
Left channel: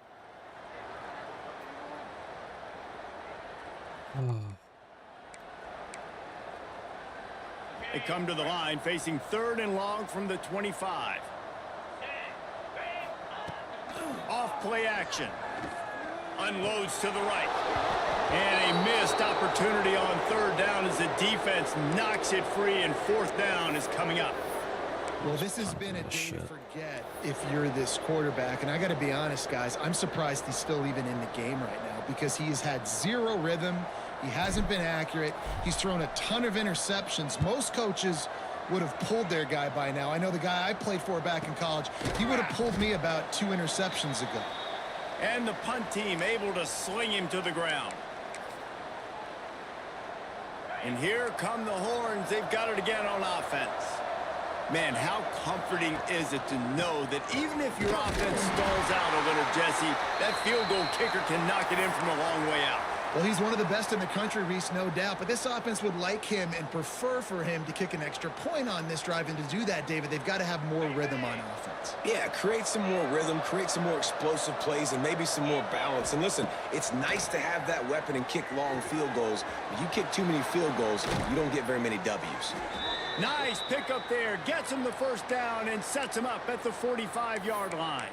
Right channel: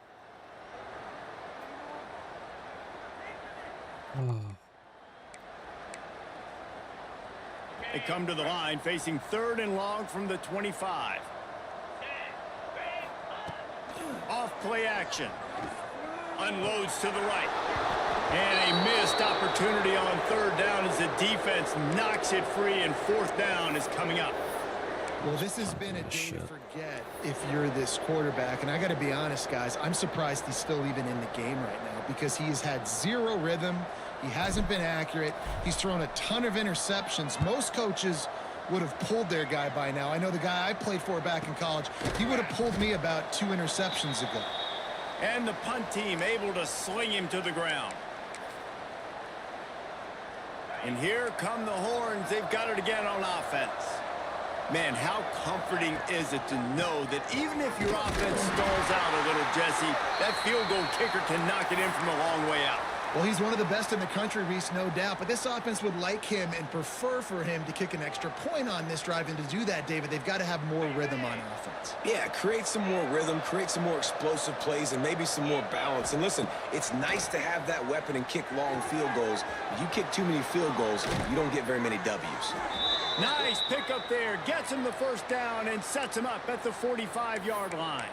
They come to the line facing 3rd and long from the 25. Off play action. Unloads to the right. And a missed opportunity on 3rd down as the defense knocks it free, and 4th down is coming up. Well, this has been a day to forget if you're this quarterback. And I got to be honest, guys, I'm surprised he's still even in the game right now because he's had zero rhythm. He hasn't been accurate. He's thrown a ton of interceptions. Most coaches would have pulled their guy by now. I know the guy I played for back in college, he would have pulled me about 2 interceptions ago. And the punt team able to sling him to the ground. And here come the horns. They've got it again on offense. Man, how comforting is it to know that even if your offense stalls out a little, Jesse, that field goal kicker can knock it in from a long way out. Well, he's one of the best in the country, Reese, no doubt. But this offense would like him and prefer for him to kick an extra point on this drive. And to do that, David, they've got to have more rhythm on offense. Yeah, create some more rhythm, create some more explosive plays, and maybe some more balance. And listen, it's nice to have that weapon and kick long field goals. If you kick too many field goals, you don't get very many W's. Nice pickup there. Gets him the 1st down and sets him up at the 45-yard line.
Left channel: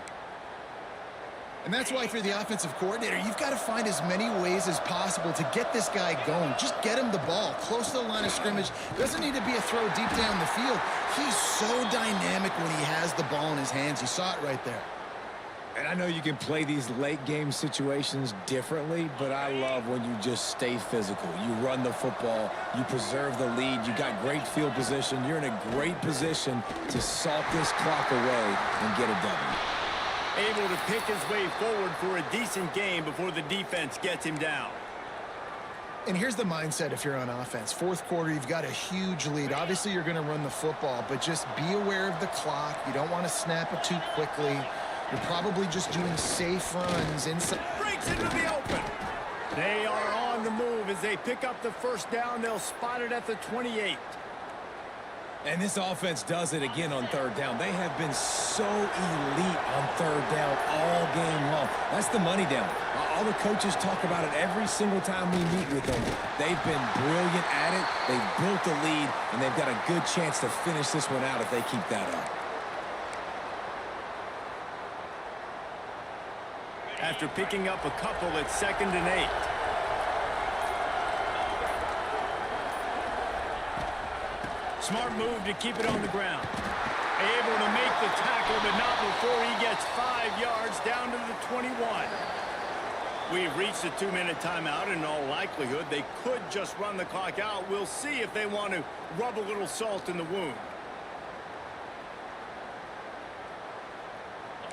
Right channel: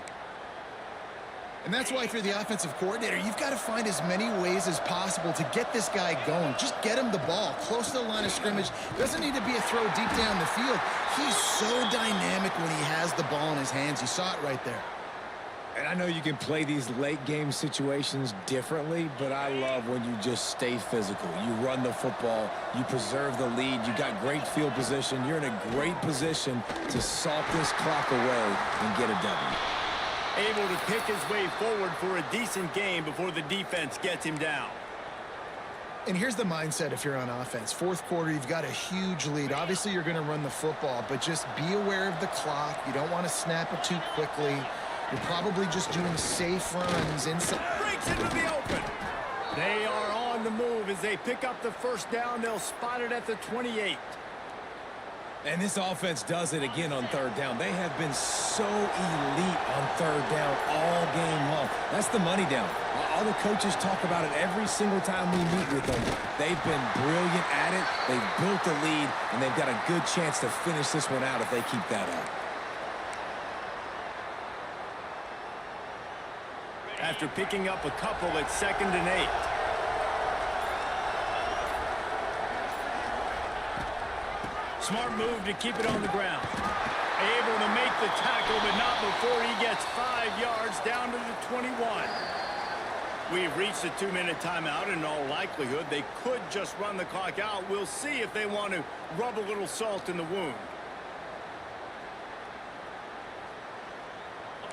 And that's why if you're the offensive coordinator, you've got to find as many ways as possible to get this guy going. Just get him the ball close to the line of scrimmage. Doesn't need to be a throw deep down the field. He's so dynamic when he has the ball in his hands. You saw it right there. And I know you can play these late game situations differently, but I love when you just stay physical. You run the football, you preserve the lead, you got great field position. You're in a great position to salt this clock away and get a W. Able to pick his way forward for a decent game before the defense gets him down. And here's the mindset if you're on offense. 4th quarter, you've got a huge lead. Obviously, you're going to run the football, but just be aware of the clock. You don't want to snap it too quickly. You're probably just doing safe runs inside. Breaks into the open. They are on the move as they pick up the 1st down. They'll spot it at the 28. And this offense does it again on 3rd down. They have been so elite on 3rd down all game long. That's the money down. All the coaches talk about it every single time we meet with them. They've been brilliant at it. They've built the lead, and they've got a good chance to finish this one out if they keep that up. After picking up a couple at 2nd and 8. Smart move to keep it on the ground. Able to make the tackle, but not before he gets 5 yards down to the 21. We've reached a 2-minute timeout. In all likelihood, they could just run the clock out. We'll see if they want to rub a little salt in the wound.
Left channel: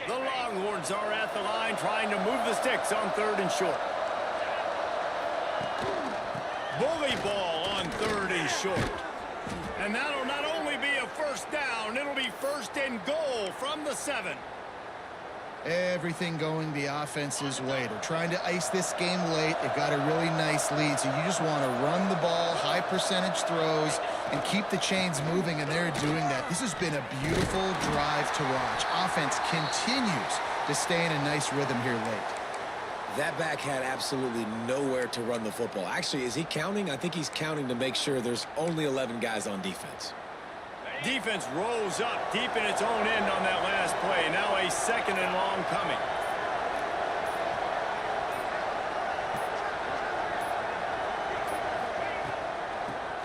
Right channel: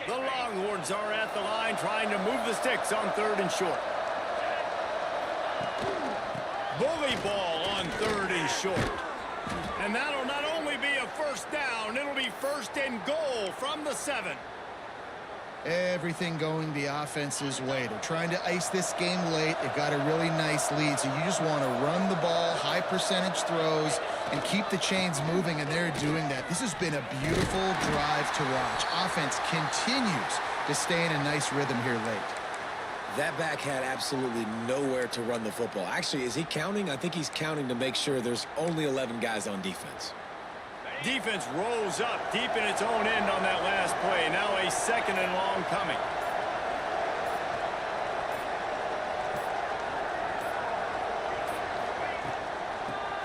The Longhorns are at the line trying to move the sticks on 3rd and short. Bully ball on 3rd and short. And that'll not only be a 1st down, it'll be 1st and goal from the 7. Everything going the offense's way. They're trying to ice this game late. They've got a really nice lead, so you just want to run the ball, high percentage throws, and keep the chains moving, and they're doing that. This has been a beautiful drive to watch. Offense continues to stay in a nice rhythm here late. That back had absolutely nowhere to run the football. Actually, is he counting? I think he's counting to make sure there's only 11 guys on defense. Defense rose up deep in its own end on that last play. Now a 2nd and long coming.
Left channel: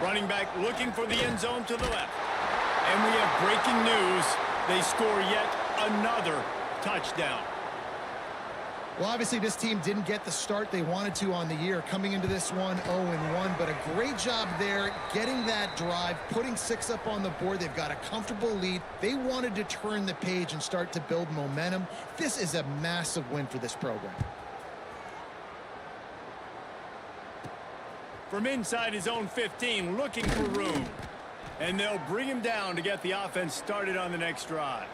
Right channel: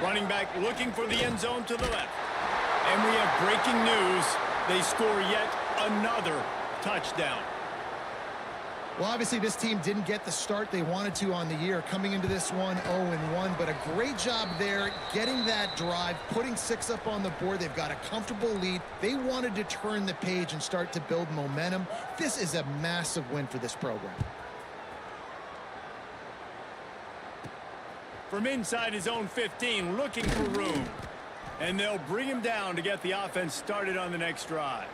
Running back looking for the end zone to the left. And we have breaking news. They score yet another touchdown. Well, obviously, this team didn't get the start they wanted to on the year, coming into this one 0-1, but a great job there getting that drive, putting 6 up on the board. They've got a comfortable lead. They wanted to turn the page and start to build momentum. This is a massive win for this program. from inside his own 15, looking for room. And they'll bring him down to get the offense started on the next drive.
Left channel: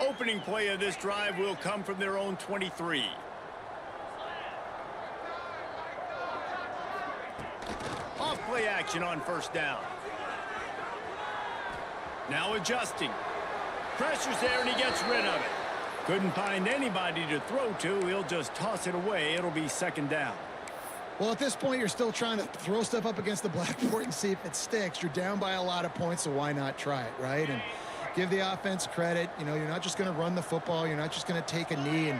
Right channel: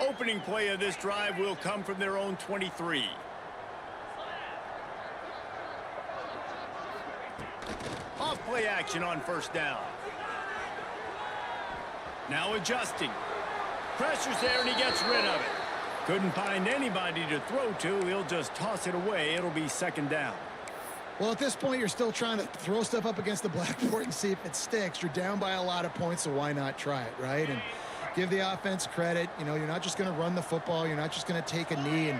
Opening play of this drive will come from their own 23. Off play action on first down. Now adjusting. Pressure's there and he gets rid of it. Couldn't find anybody to throw to. He'll just toss it away. It'll be second down. Well, at this point, you're still trying to throw stuff up against the blackboard and see if it sticks. You're down by a lot of points, so why not try it, right? And give the offense credit. You know, you're not just going to run the football. You're not just going to take a knee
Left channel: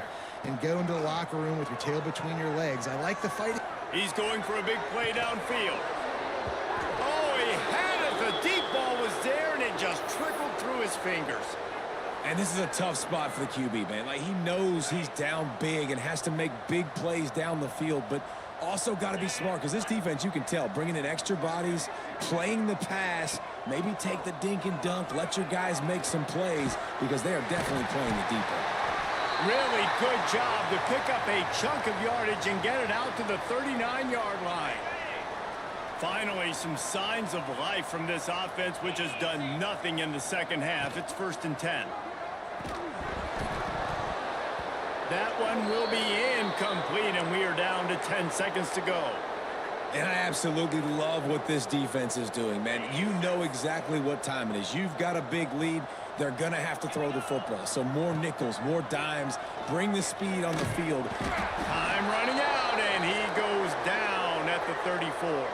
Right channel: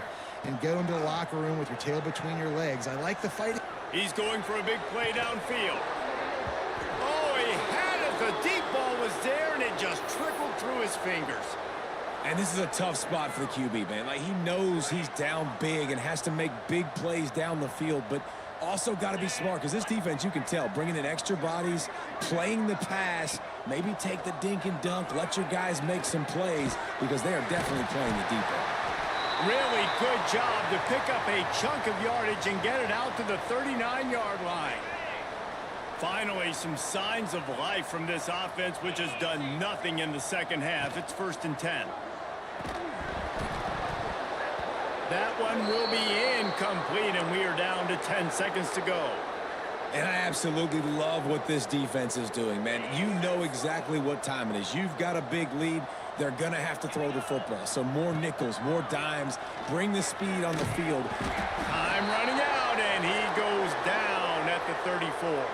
and go into the locker room with your tail between your legs. I like the fight. He's going for a big play downfield. Oh, he had it. The deep ball was there, and it just trickled through his fingers. And this is a tough spot for the QB, man. Like, he knows he's down big and has to make big plays down the field, but also got to be smart because this defense, you can tell, bringing in extra bodies, playing the pass, maybe take the dink and dunk, let your guys make some plays because they are definitely playing the deep end. Really good job to pick up a chunk of yardage and get it out to the 39-yard line. Finally, some signs of life from this offense, which has done nothing in the second half. It's 1st and 10. That one will be incomplete, and we are down to 10 seconds to go. And I absolutely love what this defense is doing, man. You know exactly what time it is. You've got a big lead. They're going to have to throw the football. So more nickels, more dimes. Bring the speed on the field. Time running out, and he goes down at the 34.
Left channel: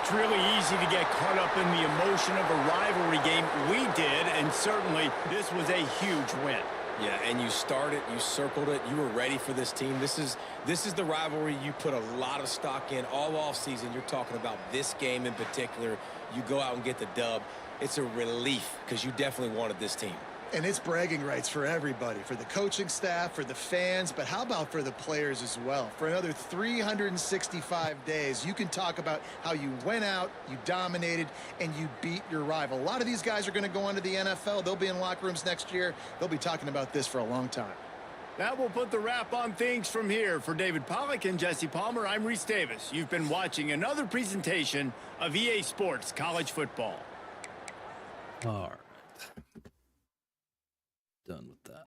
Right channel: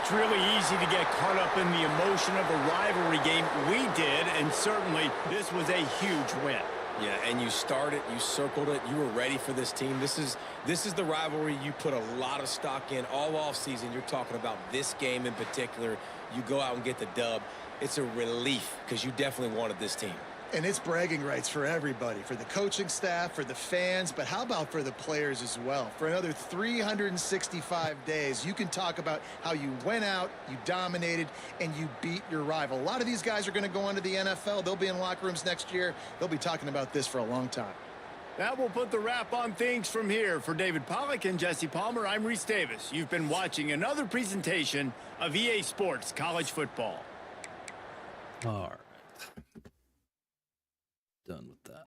It's really easy to get caught up in the emotion of a rivalry game. We did, and certainly this was a huge win. Yeah, and you started, you circled it, you were ready for this team. This is the rivalry you put a lot of stock in all offseason. You're talking about this game in particular. You go out and get the dub. It's a relief because you definitely wanted this team. And it's bragging rights for everybody, for the coaching staff, for the fans, but how about for the players as well? For another 365 days, you can talk about how you went out, you dominated, and you beat your rival. A lot of these guys are going to go on to the NFL. They'll be in locker rooms next year. They'll be talking about this for a long time. That will put the wrap on things from here. For David Pollack and Jesse Palmer, I'm Reese Davis. You've been watching another presentation of EA Sports College Football. All right.